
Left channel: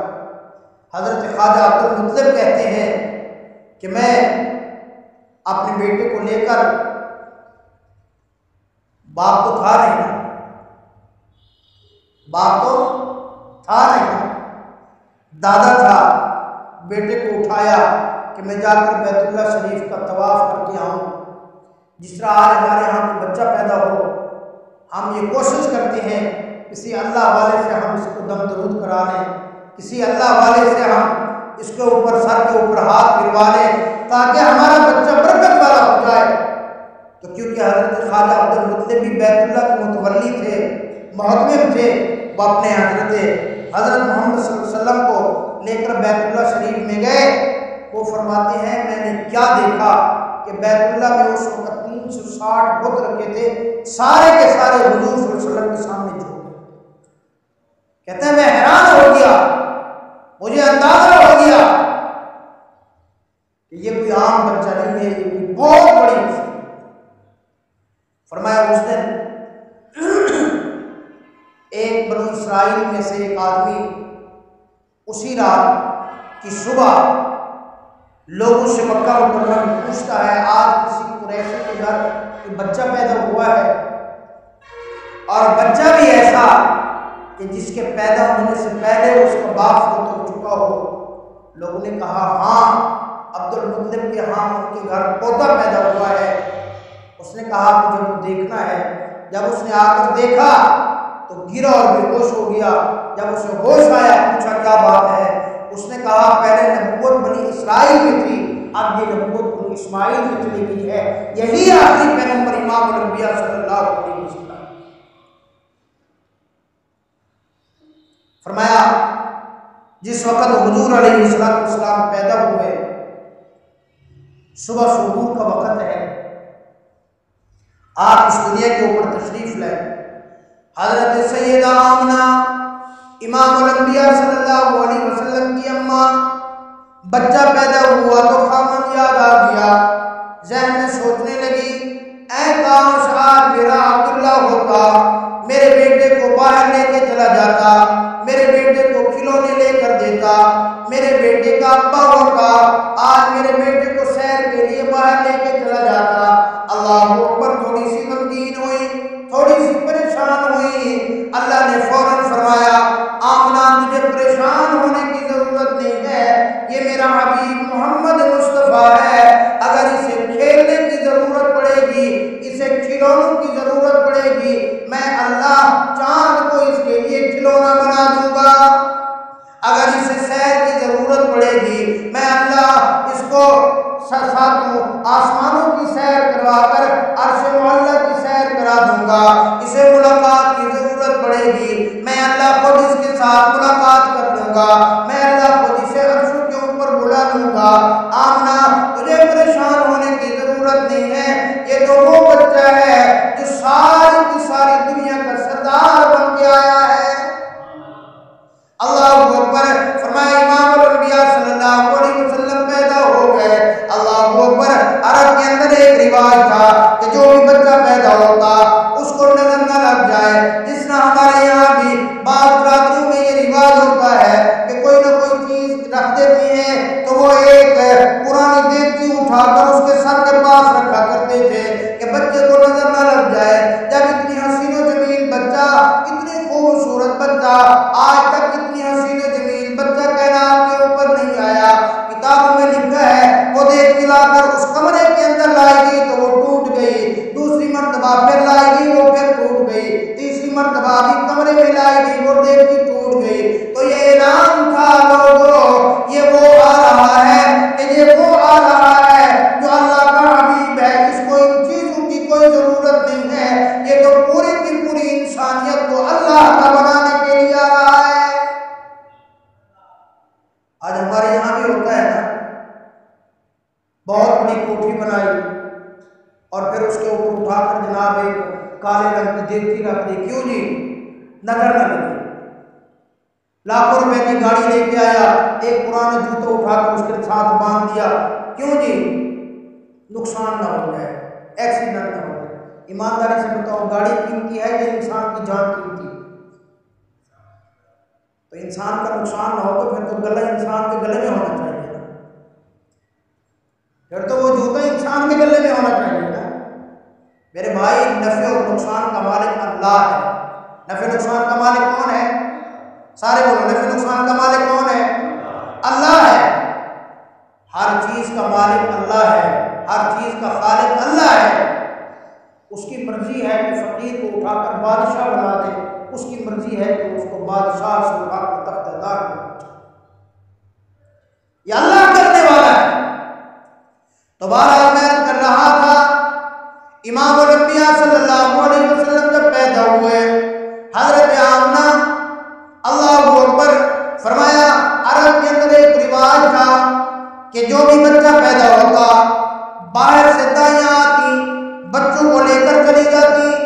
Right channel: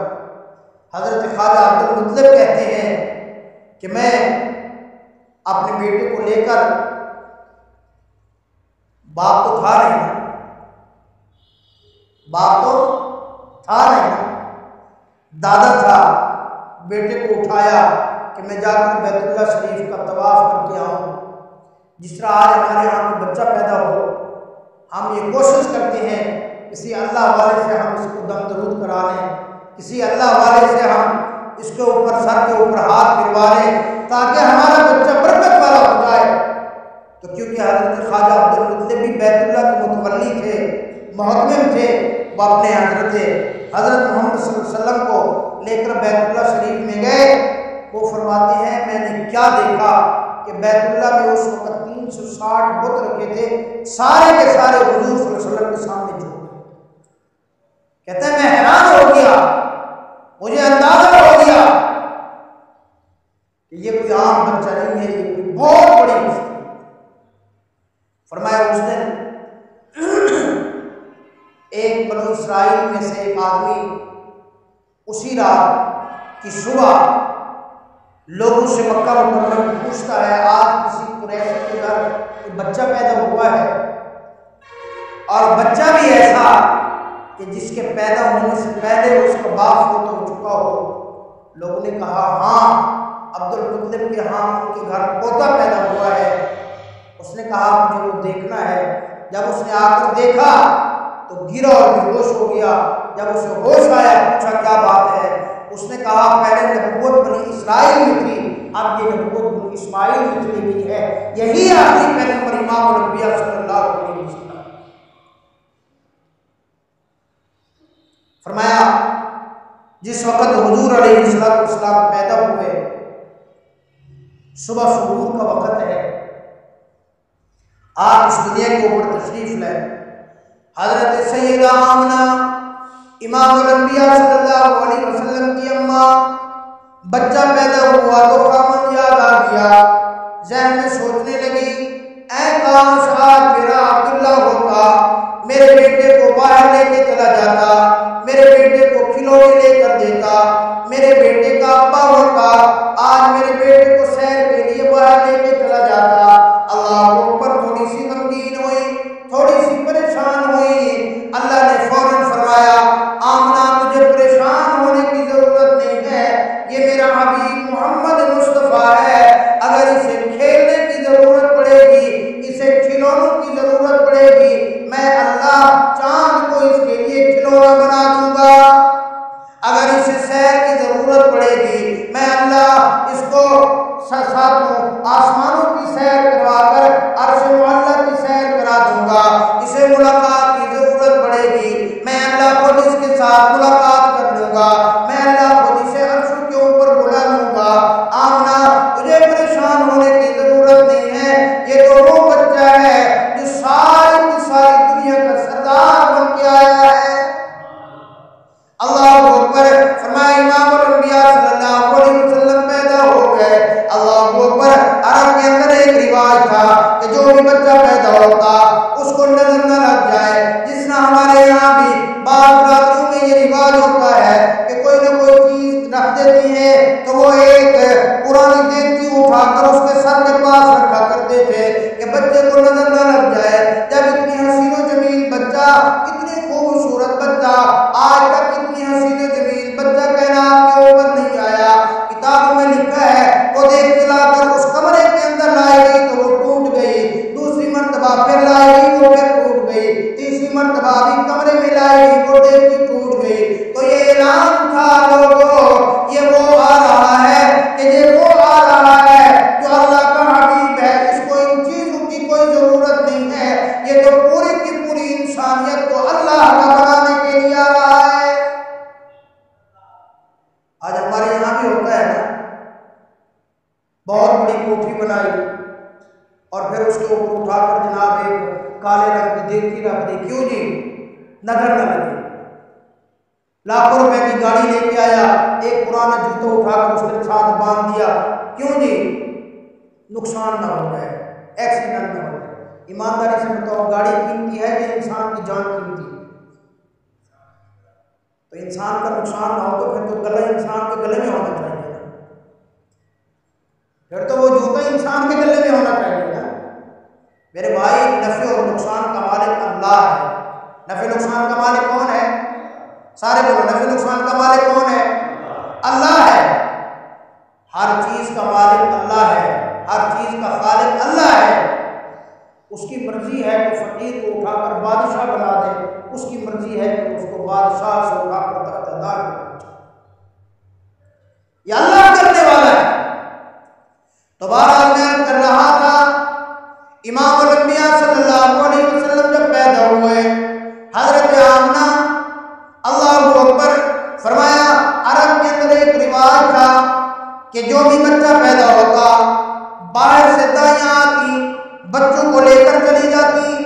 حضرت خواجہ عبد المطلب کہتے ہیں کہ میں اپنے بیٹے کو لے کر، باپ تو تھا نہیں، باپ تو تھا نہیں، دادا تھا، بیٹے کو اٹھایا کہ میں جا کر بیت اللہ شریف کا طواف کر کے آؤں۔ جس طرح آج ہمارے یہاں کوئی بچہ پیدا ہو، ہم یہ کوشش کرتے ہیں کسی اللہ والے سے ہم اس کو دم درود کرا لیں، کسی اللہ والے سے ہم اس کے اوپر سر کے اوپر ہاتھ پھروا لیں تاکہ ہمارا بچہ برکت والا ہو جائے۔ تو کیونکہ حضرت خواجہ عبد المطلب بھی بیت اللہ کے متولی تھے، محتمم تھے، وہ اپنے حضرت محمد صلی اللہ علیہ وسلم کو لے کر بیت اللہ شریف میں گئے۔ وہ فرماتے ہیں میں نے کیا دیکھا کہ بیت اللہ میں اس وقت 360 بت رکھے تھے، سارے کے سارے حضور صلی اللہ علیہ وسلم کے سامنے جھک گئے۔ کہتے ہیں میں حیران ہو گیا، مجھے اندازہ ہو گیا کہ یہ کوئی عام بچہ نہیں ہے، یہ کوئی بہت بڑی ہستی۔ فرمایا اس دن ایک بنو اسرائیل میں سے ایک آدمی اسی رات کی صبح لوگوں سے مکہ مکرمہ میں پوچھتا ہے آج کسی قریشی کے گھر کوئی بچہ پیدا ہوا ہے، اور بچہ بھی ایسا کہ جس کے پیدا ہونے سے پہلے اس کا باپ فوت ہو چکا ہو۔ لوگوں نے کہا ہاں عبد المطلب کے ہاں ان کے گھر پوتا پیدا ہوا ہے۔ اس نے کہا مجھے وہ دیکھنا ہے۔ جب اس نے آ کر دیکھا تو گرا اور بے ہوش ہو گیا۔ جب اسے ہوش آیا پوچھا کیا بات ہے، اس نے کہا پہلے نبوت بنی اسرائیل میں تھی، اب یہ نبوت بنی اسماعیل میں چلی گئی ہے، یہی آخری پیغمبر امام الانبیاء صلی اللہ علیہ وسلم۔ فرمایا جس وقت حضور علیہ السلام پیدا ہوئے، صبح سحور کا وقت ہے، آپ اس دنیا کے اوپر تشریف لائے۔ حضرت سیدہ آمنہ امام الانبیاء صلی اللہ علیہ وسلم کی اماں بچہ پیدا ہوا تو خامد یاد آ گیا، ذہن میں سوچنے لگی اے کاش آج میرا عبداللہ ہوتا، میرے بیٹے کو باہر لے کے چلا جاتا، میرے بیٹے کو کھلونے لے کر دیتا، میرے بیٹے کا ابا ہوتا، آج میرے بیٹے کو سیر کے لیے باہر لے کے چلا جاتا۔ اللہ اکبر، تھوڑی سی غمگین ہوئی، تھوڑی سی پریشان ہوئی۔ اللہ نے فوراً فرمایا آمنہ تجھے پریشان ہونے کی ضرورت نہیں ہے، یہ میرا حبیب محمد مصطفیٰ ہے، اگر اسے کھیلنے کی ضرورت پڑے گی، اسے کھلونوں کی ضرورت پڑے گی، میں اللہ چاند کو اس کے لیے کھلونا بنا دوں گا، اگر اسے سیر کی ضرورت پڑے گی میں اللہ اس کو ساتوں آسمانوں کی سیر کروا کر عرش معلیٰ کی سیر کرا دوں گا، اسے ملاقات کی ضرورت پڑے گی میں اللہ خود اس کے ساتھ ملاقات کر لوں گا، میں اللہ خود اسے عرشوں کے اوپر بلا لوں گا۔ آمنہ تجھے پریشان ہونے کی ضرورت نہیں ہے، یہ تو وہ بچہ ہے جو ساری کی ساری دنیا کا سردار بن کے آیا ہے۔ اللہ اکبر، فرمایا امام الانبیاء صلی اللہ علیہ وسلم پیدا ہو گئے۔ اللہ اکبر، عرب کے اندر ایک رواج تھا کہ جو بھی بچہ پیدا ہوتا اس کو نظر نہ لگ جائے، جس طرح ہمارے یہاں بھی بعض برادریوں میں یہ رواج ہوتا ہے کہ کوئی نہ کوئی چیز رکھ دیتی ہیں تو وہ ایک پرانی دیگچی اٹھا کر اس کے سر کے پاس رکھا کرتے تھے کہ بچے کو نظر نہ لگ جائے۔ جب اتنی حسین و جمیل بچہ، اتنی خوبصورت بچہ، آج تک اتنی حسین و جمیل بچہ کائنات کے اوپر نہیں آیا، کتابوں میں لکھا ہے وہ دیکھ کے لا کر اس کمرے کے اندر لائی گئی تو وہ ٹوٹ گئی، دوسری مرتبہ پھر لائی گئی وہ پھر ٹوٹ گئی، تیسری مرتبہ بھی کمرے میں لائی گئی وہ دیکھ کے ٹوٹ گئی۔ تو یہ اعلان تھا لوگوں، یہ وہ آ رہا ہے کہ یہ وہ آ رہا ہے جو اللہ کا حبیب ہے، اس کو ان چیزوں کی کوئی ضرورت نہیں ہے، یہ تو پوری کی پوری انسانیت کو اللہ کا بنانے کے لیے آ رہا ہے۔ آج ہمارے یہاں بھی ہوتا ہے نا، بہت بڑی کوٹھی بنائی اور پھر اس کے اوپر اٹھا کر جناب ایک کالے رنگ کی دیگچی رکھ دی، کیوں جی؟ نظر نہ لگے۔ لاکھوں روپے کی گاڑی لے کے آیا، ایک پرانا جوتا اٹھا کر اس کے ساتھ باندھ دیا، کیوں جی؟ نقصان نہ ہو جائے، ایکسیڈنٹ نہ ہو جائے۔ ایمانداری سے بتاؤ، گاڑی قیمتی ہے کہ انسان کی جان قیمتی؟ تو انسان کا نقصان نہ ہو تو پھر تو گلا انسان کے گلے میں ہونا چاہیے نا، پھر تو وہ جوتا انسان کے گلے میں ہونا چاہیے نا۔ میرے بھائی، نفع اور نقصان کا مالک اللہ ہے۔ نفع نقصان کا مالک کون ہے؟ سارے بولو، نفع نقصان کا مالک کون ہے؟ اللہ ہے۔ ہر چیز کا مالک اللہ ہے، ہر چیز کا خالق اللہ ہے۔ اس کی مرضی ہے کہ فقیر کو اٹھا کر بادشاہ بنا دے، اس کی مرضی ہے کہ اس کو بادشاہ سے اٹھا کر تخت دار بنا دے، یہ اللہ کرنے والا ہے۔ تو بہرحال میں عرض کر رہا تھا، امام الانبیاء صلی اللہ علیہ وسلم جب پیدا ہوئے، حضرت آمنہ، اللہ اکبر، فرمایا عرب کے اندر ایک رواج تھا کہ جو بھی بچہ پیدا ہوتا باہر سے دائیاں آتی، بچوں کو لے کر چلی جاتی،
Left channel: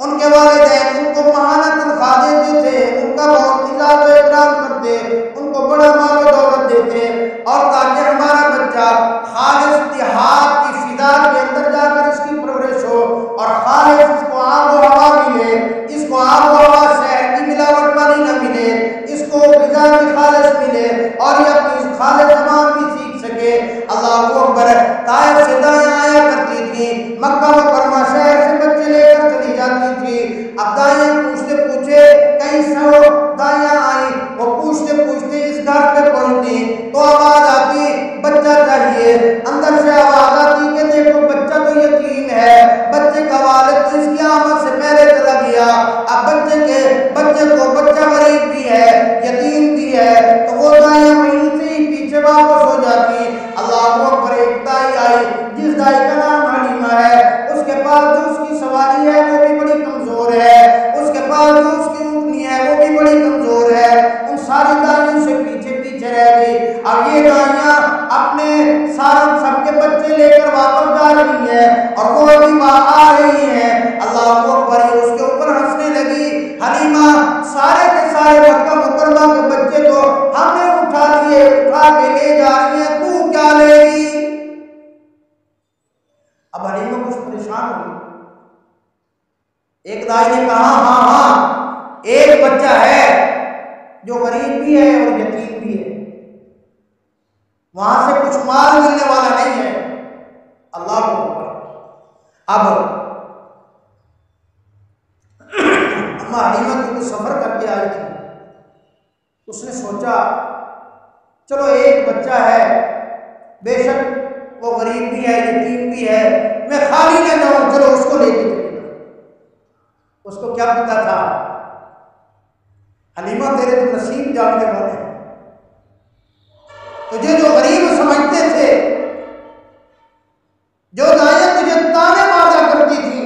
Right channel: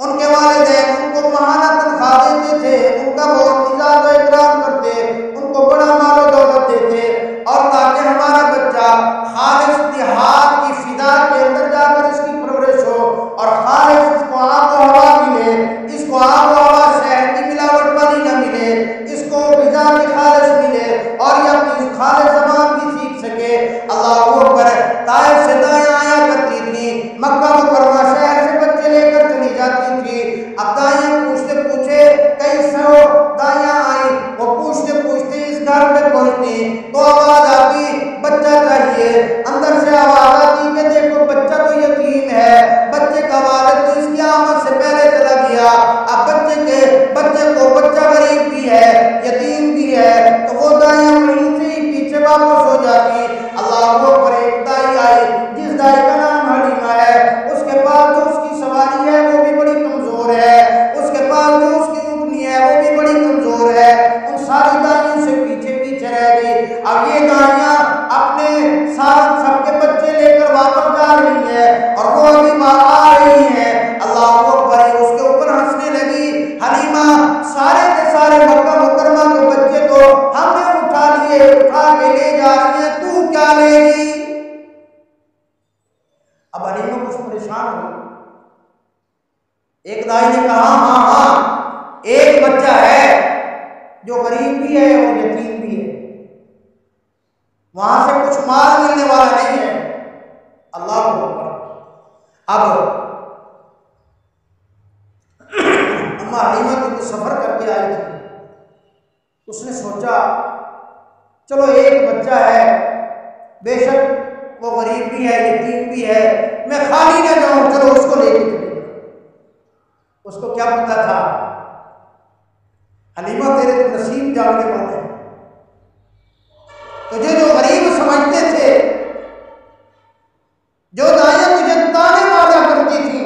ان کے والدین ان کو ماہانہ تنخواہ دیتے تھے، ان کا بہت عزت و اکرام کرتے، ان کو بڑا مال و دولت دیتے، اور تاکہ ہمارا بچہ خالص دیہات کی فضا کے اندر جا کر اس کی پرورش ہو اور خالص اس کو آب و ہوا ملے، اس کو آب و ہوا شہر کی ملاوٹ والی نہ ملے، اس کو غذا بھی خالص ملے اور یہ اپنی خالص زبان بھی سیکھ سکے۔ اللہ اکبر، طائف سے دائیاں آیا کرتی تھیں، مکہ مکرمہ شہر سے بچے لے کر چلی جاتی تھی۔ اب دائیاں پوچھتے پوچھے کئی سو دائیاں آئیں، وہ پوچھتے پوچھتے اس گھر پہ پہنچتی تو آواز آتی بچہ چاہیے، اندر سے آواز آتی کہ دیکھو بچہ تو یتیم ہے، بچے کا والد تو اس کی آمد سے پہلے چلا گیا، اب بچے کو بچہ غریب بھی ہے، یتیم بھی ہے، تو وہ دائیاں وہیں سے ہی پیچھے واپس ہو جاتی۔ اللہ اکبر، ایک دائی آئی جس دائی کا نام حلیمہ ہے، اس کے پاس جو اس کی سواری ہے وہ بھی بڑی کمزور ہے، اس کے پاس جو اس کی اونٹنی ہے وہ بھی بڑی کمزور ہے، ان ساری دائیوں سے پیچھے پیچھے رہ گئی۔ اب یہ دائیاں اپنے سب کے بچے لے کر واپس جا رہی ہیں اور وہ ابھی وہاں آ رہی ہیں۔ اللہ اکبر، اس کے اوپر ہنسنے لگی۔ حلیمہ سارے کے سارے مکہ کے لے جا رہی ہیں، تو کیا لے گی؟ اب حلیمہ کچھ پریشان ہوئی۔ ایک دائی نے کہا ہاں ایک بچہ ہے جو غریب بھی ہے اور یتیم بھی ہے، وہاں سے کچھ مال ملنے والا نہیں ہے۔ اللہ کو اکبر۔ اب اما حلیمہ کیونکہ سفر کر کے آئی تھی، اس نے سوچا چلو ایک بچہ ہے، بے شک وہ غریب بھی ہے یتیم بھی ہے، میں خالی نہ جاؤں، چلو اس کو لے کے چلی جاؤں۔ اس کو کیا پتا تھا حلیمہ تیرے تو نصیب جاننے والے ہیں، تجھے جو غریب سمجھتے تھے، جو دائیں تجھے تانے مارا کرتی تھی،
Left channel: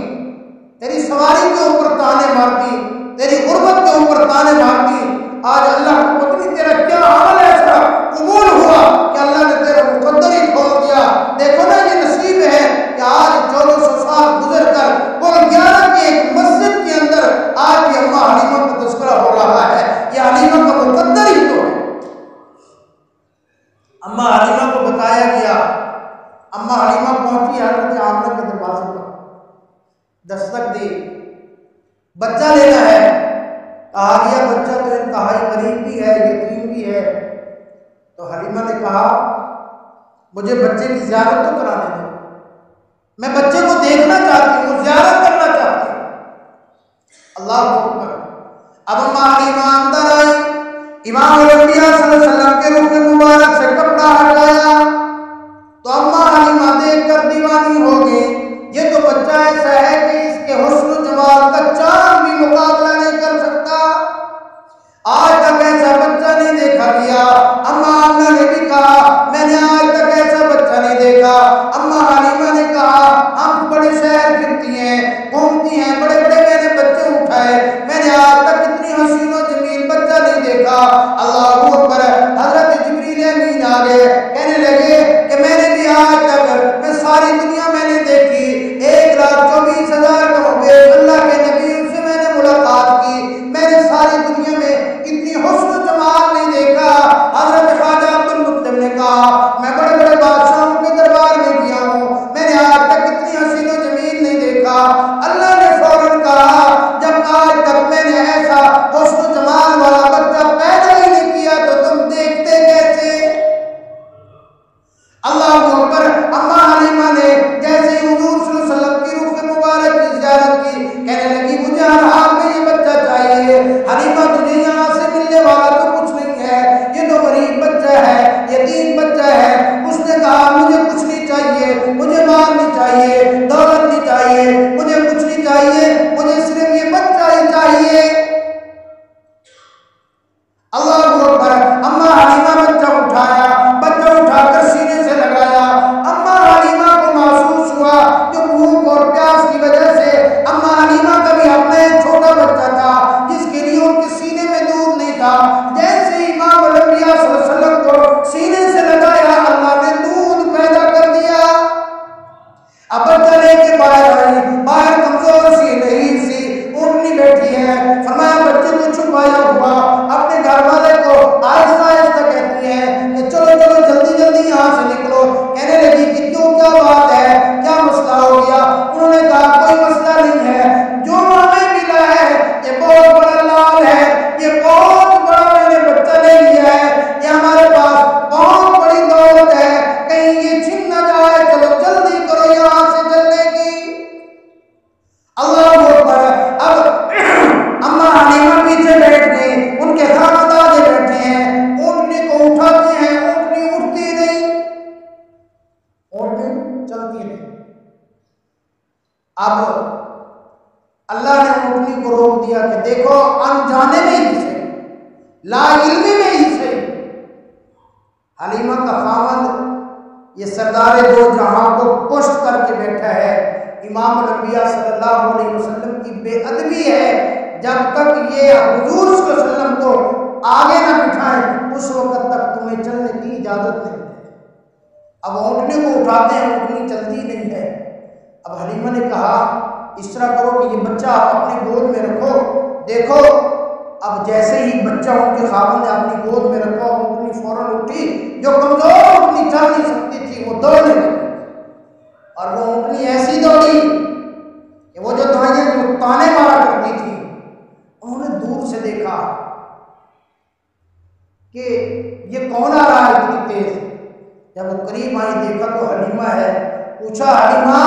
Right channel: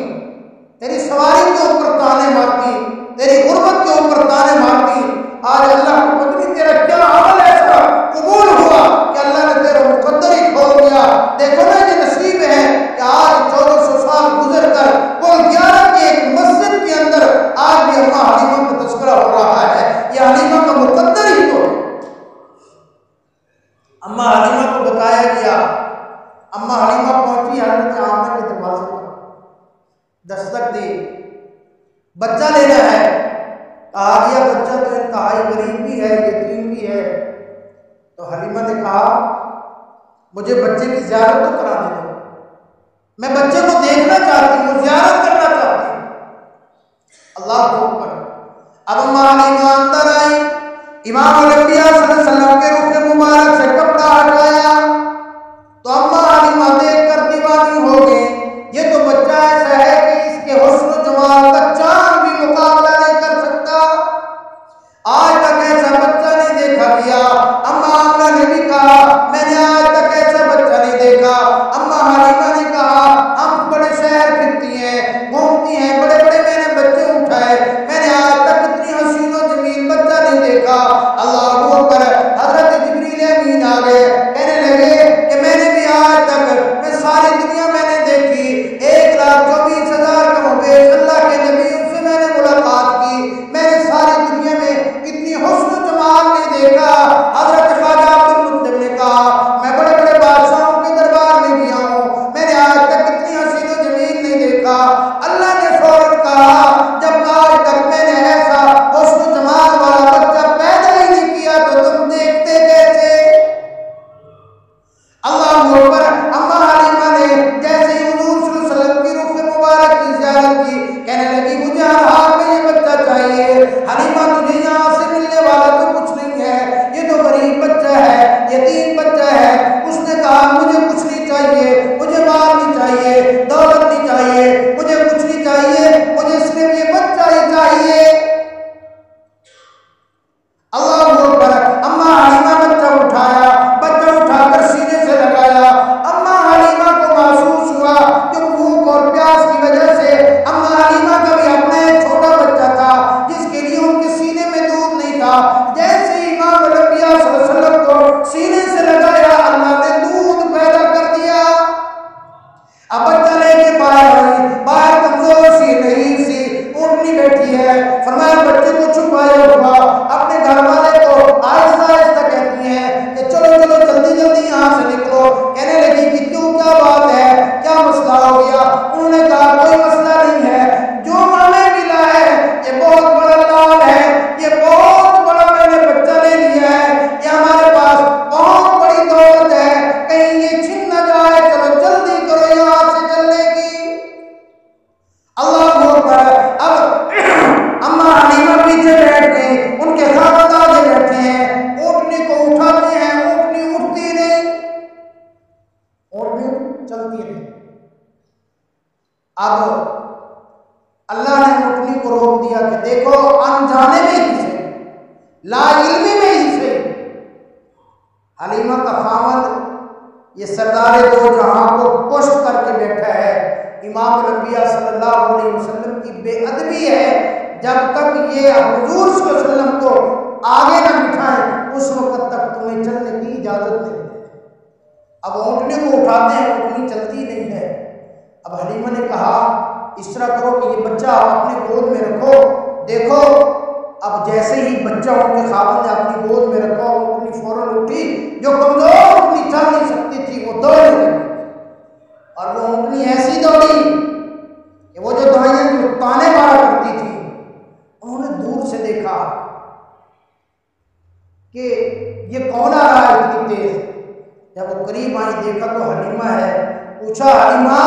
تیری سواری کے اوپر تانے مارتی، تیری غربت کے اوپر تانے مارتی، آج اللہ کو پتہ نہیں تیرا کیا عمل ایسا قبول ہوا کہ اللہ نے تیرا مقدر ہی کھول دیا۔ دیکھو نا یہ نصیب ہے کہ آج 1400 سال گزر کر کل 11 کی ایک مسجد کے اندر آج بھی اما حلیمہ کا تذکرہ ہو رہا ہے، یہ حلیمہ کا مقدر ہی تو ہے۔ اما حلیمہ کو بتایا گیا، اما حلیمہ پہنچی حضرت آمنہ کے دروازے پر، دستک دی، بچہ لینا ہے۔ کہا گیا بچہ تو انتہائی غریب بھی ہے یتیم بھی ہے۔ تو حلیمہ نے کہا مجھے بچے کی زیارت تو کرانے دو، میں بچے کو دیکھنا چاہتی ہوں، زیارت کرنا چاہتی ہوں۔ اللہ اکبر۔ اب اما حلیمہ اندر آئی، امام الانبیاء صلی اللہ علیہ وسلم کے رخ مبارک سے کپڑا ہٹایا تو اما حلیمہ دیکھ کر دیوانی ہو گئی۔ یہ تو بچہ ایسا ہے کہ اس کے حسن و جمال کا چاند بھی مقابلہ نہیں کر سکتا، آج تک ایسا بچہ نہیں دیکھا گیا۔ اما آمنہ نے بھی کہا میں نے آج تک ایسا بچہ نہیں دیکھا۔ اما حلیمہ نے کہا ہم بڑے شہر پھرتی ہیں، گھومتی ہیں، بڑے بڑے میں نے بچے اٹھائے، میں نے آج تک اتنی حسین و جمیل بچہ نہیں دیکھا۔ اللہ اکبر۔ حضرت جبریل امین آ گئے، کہنے لگے کہ میں نے بھی آج تک، میں ساری دنیا میں نے دیکھی، 1,24,000 کم و بیش اللہ کے نبیوں سے میں نے ملاقات کی، میں نے ساری دنیا میں اتنی حسن و جمال نہیں دیکھا۔ حضرت خواجہ عبد المطلب نے کہا میں بڑے بڑے بادشاہوں کے دربار میں گیا ہوں، میں نے آج تک اتنی حسین و جمیل نہیں دیکھا۔ اللہ نے فوراً کہا جب آج تک میں نے ایسا حسن و جمال والا بچہ پیدا ہی نہیں کیا تو تم دیکھتے کیسے؟ اللہ اکبر۔ اما حلیمہ نے جیسے ہی حضور صلی اللہ علیہ وسلم کی روح مبارک کی زیارت کی، کہنے لگی مجھے ہر حال میں یہ بچہ چاہیے۔ حلیمہ تجھے یہاں سے ملنے والا تو کچھ نہیں ہے، یہ تو غریب بچہ ہے، یتیم بچہ ہے۔ اس نے کہا مجھے کچھ نہیں چاہیے، مجھے مال نہیں چاہیے، دولت نہیں چاہیے، مجھے کچھ نہیں چاہیے، مجھے صرف یہ بچہ ہی چاہیے۔ اللہ اکبر۔ اما حلیمہ بچہ اٹھایا، بچہ اٹھا کر سینے سے لگایا۔ اما حلیمہ کو محسوس ہوا جو بھوک اور پیاس کی وجہ سے اما حلیمہ کا بھی اپنا ایک چھوٹا بچہ تھا جس کے لیے ان کے سینے میں دودھ نہیں تھا، جیسے امام الانبیاء صلی اللہ علیہ وسلم کو سینے سے لگایا اللہ نے دودھ پیدا کر دیا۔ اب بچہ لے کے باہر آئی، باہر کمزور سی نحیف سی اونٹنی بیٹھی ہے، فرمایا بچے کو چھپایا ہوا اپنے گھر والے کو آہستہ آہستہ کہتی ہیں کہ چلو چلو جلدی جلدی یہاں سے نکلو۔ کہنے لگی کہ کیوں، کیا بات ہے، کیا مسئلہ ہو گیا؟ انہوں نے کہا کوئی مسئلہ نہیں ہے، جو ہمیں ملا ہے یہ بہت بڑا لال ہے، یہ بہت بڑا میں نے بچہ لے لیا ہے، یہ ہمارے پاس بہت بڑی دولت ہے، کہیں یہ چھن نہ جائے، چلو جلدی کرو یہاں سے چلنے کی۔ اللہ اکبر۔ اب اما حلیمہ پیچھے بیٹھ گئی، ان کے خاندان آگے بیٹھے ہیں، اونٹنی کو اٹھاتے ہیں، اونٹنی اٹھتی نہیں، اونٹنی چلتی نہیں۔ اب اللہ نے اونٹنی کو روک دیا کہ دیکھو انجانے میں ہی صحیح، لا علمی میں ہی صحیح، حلیمہ کا خاوند یہ سردار دو جہاں کو پشت کر کے بیٹھا ہے۔ امام الانبیاء صلی اللہ علیہ وسلم کی بے ادبی ہے، جب تک یہ حضور صلی اللہ علیہ وسلم کو آگے نہ بٹھائیں اس وقت تک تمہیں چلنے کی اجازت نہیں ہے۔ اب اونٹنے کو اٹھاتے ہیں، اونٹنی چلتی نہیں ہے۔ اب حلیمہ نے کہا اس طرح کرو کہ یہ بچہ آپ اپنے گود میں رکھو، دیکھو اب جیسے ہی بچہ ان کے خاوند نے اپنی گود میں رکھا اور اونٹنی فوراً اٹھی، جو کمزور اونٹنی چل نہیں سکتی تھی وہ دوڑنے لگی، اور وہ اونٹنی ایسی دوڑی کہ وہ جو دائیں جو تانے مارا کرتی تھی انہوں نے دور سے دیکھا کہ یہ کون آ رہا ہے اتنی تیز۔ جب وہ قریب آئی دیکھا تو حلیمہ ہے۔ پوچھا حلیمہ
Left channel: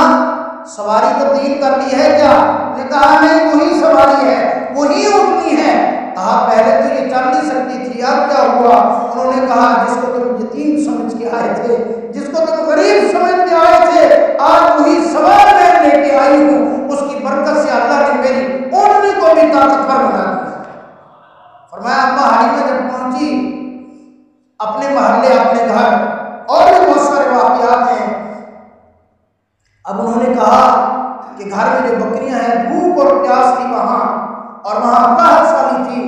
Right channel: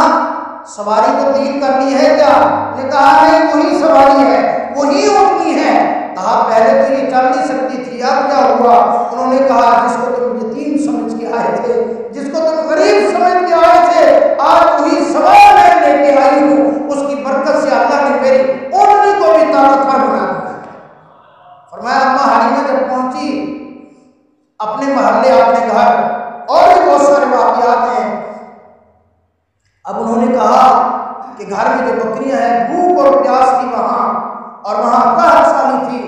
سواری تبدیل کر لی ہے کیا؟ نے کہا نہیں، وہی سواری ہے، وہی اونٹنی ہے۔ کہا پہلے تو یہ چل نہیں سکتی تھی، اب کیا ہوا؟ انہوں نے کہا جس کو تم یتیم سمجھ کے آئے تھے، جس کو تم غریب سمجھ کے آئے تھے، آج وہی سوار میں لے کے آئی ہوں، اس کی برکت سے اللہ نے میری اونٹنی کو بھی طاقتور بنا دیا۔ فرمایا اما حلیمہ جب پہنچی اپنے محلے اپنے گھر، اور بھی بہت سارے واقعات ہیں، اب انہوں نے کہا کہ گھر میں جو بکریاں ہیں بھوک اور پیاس تھی وہاں، اور وہاں قحط سالی تھی،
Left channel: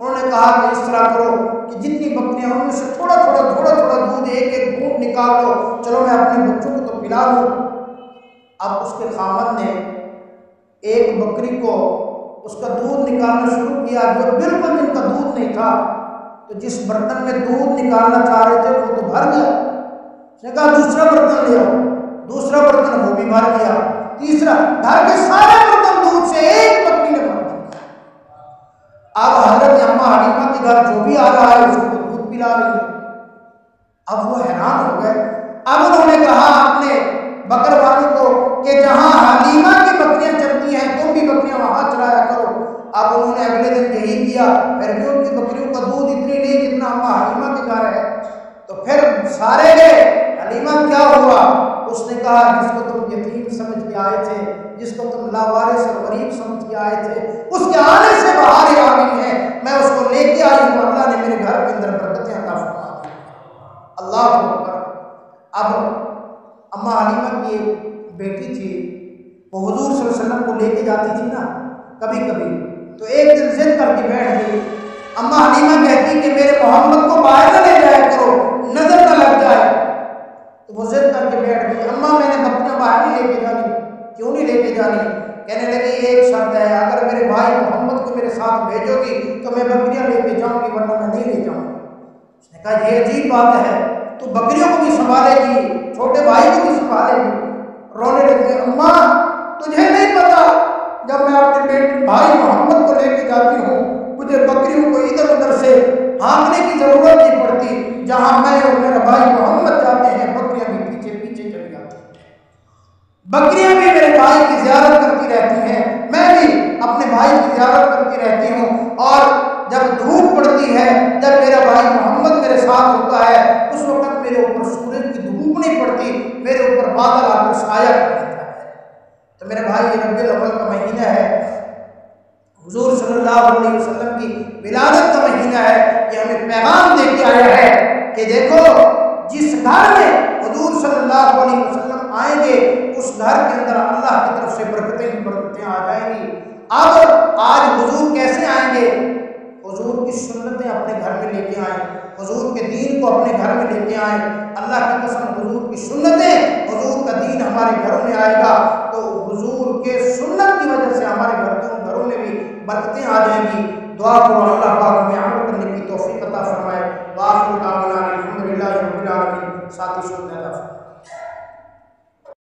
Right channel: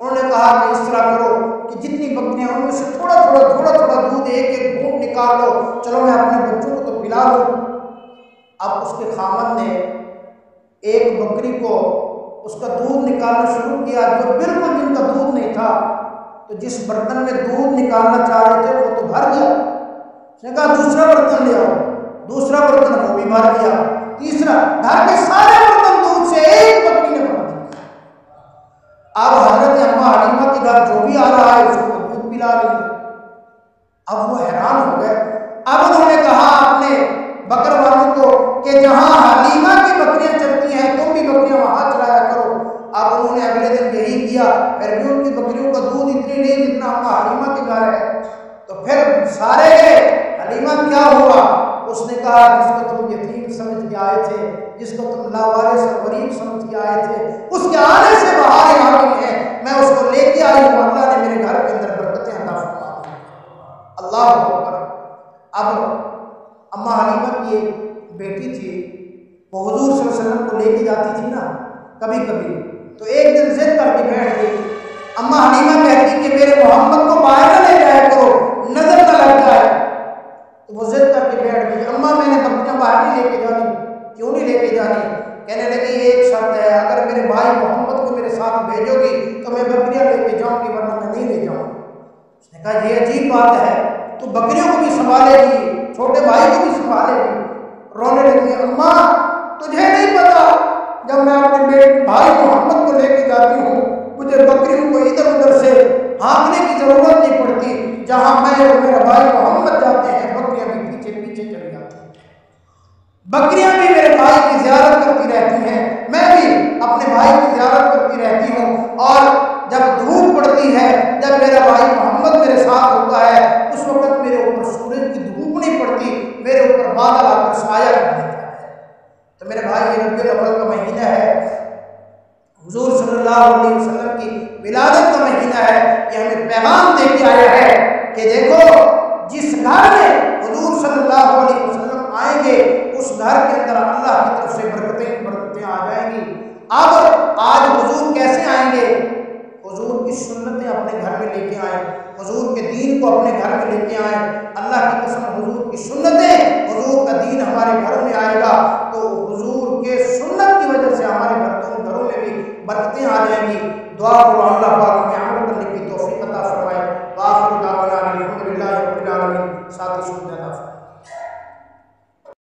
انہوں نے کہا کہ اس طرح کرو کہ جتنی بکریاں ان میں سے تھوڑا تھوڑا دودھ ایک ایک گھونٹ نکال لو، چلو میں اپنے بچوں کو تو پلا لوں۔ اب اس کے خامد نے ایک بکری کو اس کا دودھ نکالنا شروع کیا، جو بالکل جن کا دودھ نہیں تھا، تو جس برتن میں دودھ نکالنا چاہ رہے تھے وہ تو بھر گیا۔ اس نے کہا دوسرا برتن لے آؤ، دوسرا برتن وہ بھی بھر گیا، تیسرا، گھر کے سارے برتن دودھ سے ایک بکری نے بھر دیا۔ اب حضرت اما حلیمہ کے گھر جو بھی آ رہا ہے اس کو دودھ پلا رہی ہے۔ اب وہ حیران ہو گئے۔ اب انہوں نے کہا اپنے بکر والوں کو کہ جہاں حلیمہ کی بکریاں چلتی ہیں تم بھی بکریاں وہاں چلایا کرو۔ اب انہوں نے اگلے دن یہی کیا، پھر بھی ان کی بکریوں کا دودھ اتنی نہیں جتنا اما حلیمہ کے گھر ہے۔ تو پھر سارے گئے، حلیمہ کیا ہوا؟ اس نے کہا جس کو تم یتیم سمجھ کے آئے تھے، جس کو تم لاوارث اور غریب سمجھ کے آئے تھے، اس کے آنے سے بہاریں آ گئی ہیں، میں اس کو لے کے آئی ہوں، اللہ نے میرے گھر کے اندر برکتیں عطا فرما دی۔ اللہ اکبر۔ اب اما حلیمہ کی ایک بیٹی تھی، وہ حضور صلی اللہ علیہ وسلم کو لے کے جاتی تھی نا کبھی کبھی، تو ایک دن ضد کر کے بیٹھ گئی۔ اما حلیمہ کہتی کہ میرے محمد کو باہر نہ لے جایا کرو، نظر نہ لگ جائے، تو وہ ضد کر کے بیٹھ گئی۔ اما میں نے بکریاں باہر نہیں لے کے جانی۔ کیوں نہیں لے کے جانی؟ کہنے لگی ایک شرط ہے، اگر میرے بھائی محمد کو میرے ساتھ بھیجو گی تو میں بکریاں لے کے جاؤں گی، ورنہ میں نہیں لے جاؤں گی۔ اس نے کہا یہ عجیب بات ہے، تو بکریوں کو بھی سنبھالے گی، چھوٹے بھائی کو بھی سنبھالے گی؟ رونے لگی، اماں تجھے نہیں پتا، جب میں اپنے بھائی محمد کو لے کے جاتی ہوں مجھے بکریوں کو ادھر ادھر سے ہانکنے کی ضرورت نہیں پڑتی، جہاں میں اور میرا بھائی محمد جاتے ہیں بکریاں بھی پیچھے پیچھے چلی جاتی ہیں، بکریاں بھی میرے بھائی کی زیارت کرتی رہتی ہیں، میں بھی اپنے بھائی کی زیارت کرتی رہتی ہوں، اور جب دھوپ پڑتی ہے، جب میرا بھائی محمد میرے ساتھ ہوتا ہے، اس وقت میرے اوپر سورج کی دھوپ نہیں پڑتی، میرے اوپر بادل آ کر سایہ کر دیتا ہے۔ تو میرے بھائی یہ ربیع الاول کا مہینہ ہے، حضور صلی اللہ علیہ وسلم کی ولادت کا مہینہ ہے، یہ ہمیں پیغام دے کے آیا ہے کہ دیکھو جس گھر میں حضور صلی اللہ علیہ وسلم آئیں گے اس گھر کے اندر اللہ کی طرف سے برکتیں آ جائیں گی۔ اب آج حضور کیسے آئیں گے؟ حضور کی سنتیں اپنے گھر میں لے کے آئیں، حضور کے دین کو اپنے گھر میں لے کے آئیں۔ اللہ کی قسم حضور کی سنتیں، حضور کا دین ہمارے گھروں میں آئے گا تو حضور کے سنت کی وجہ سے ہمارے گھروں میں بھی برکتیں آ جائیں گی۔ دعا کرو اللہ پاک ہمیں عمل کرنے کی توفیق عطا فرمائے۔ وآخر دعوانا الحمدللہ رب العالمین۔ ساتھی سنتے ہیں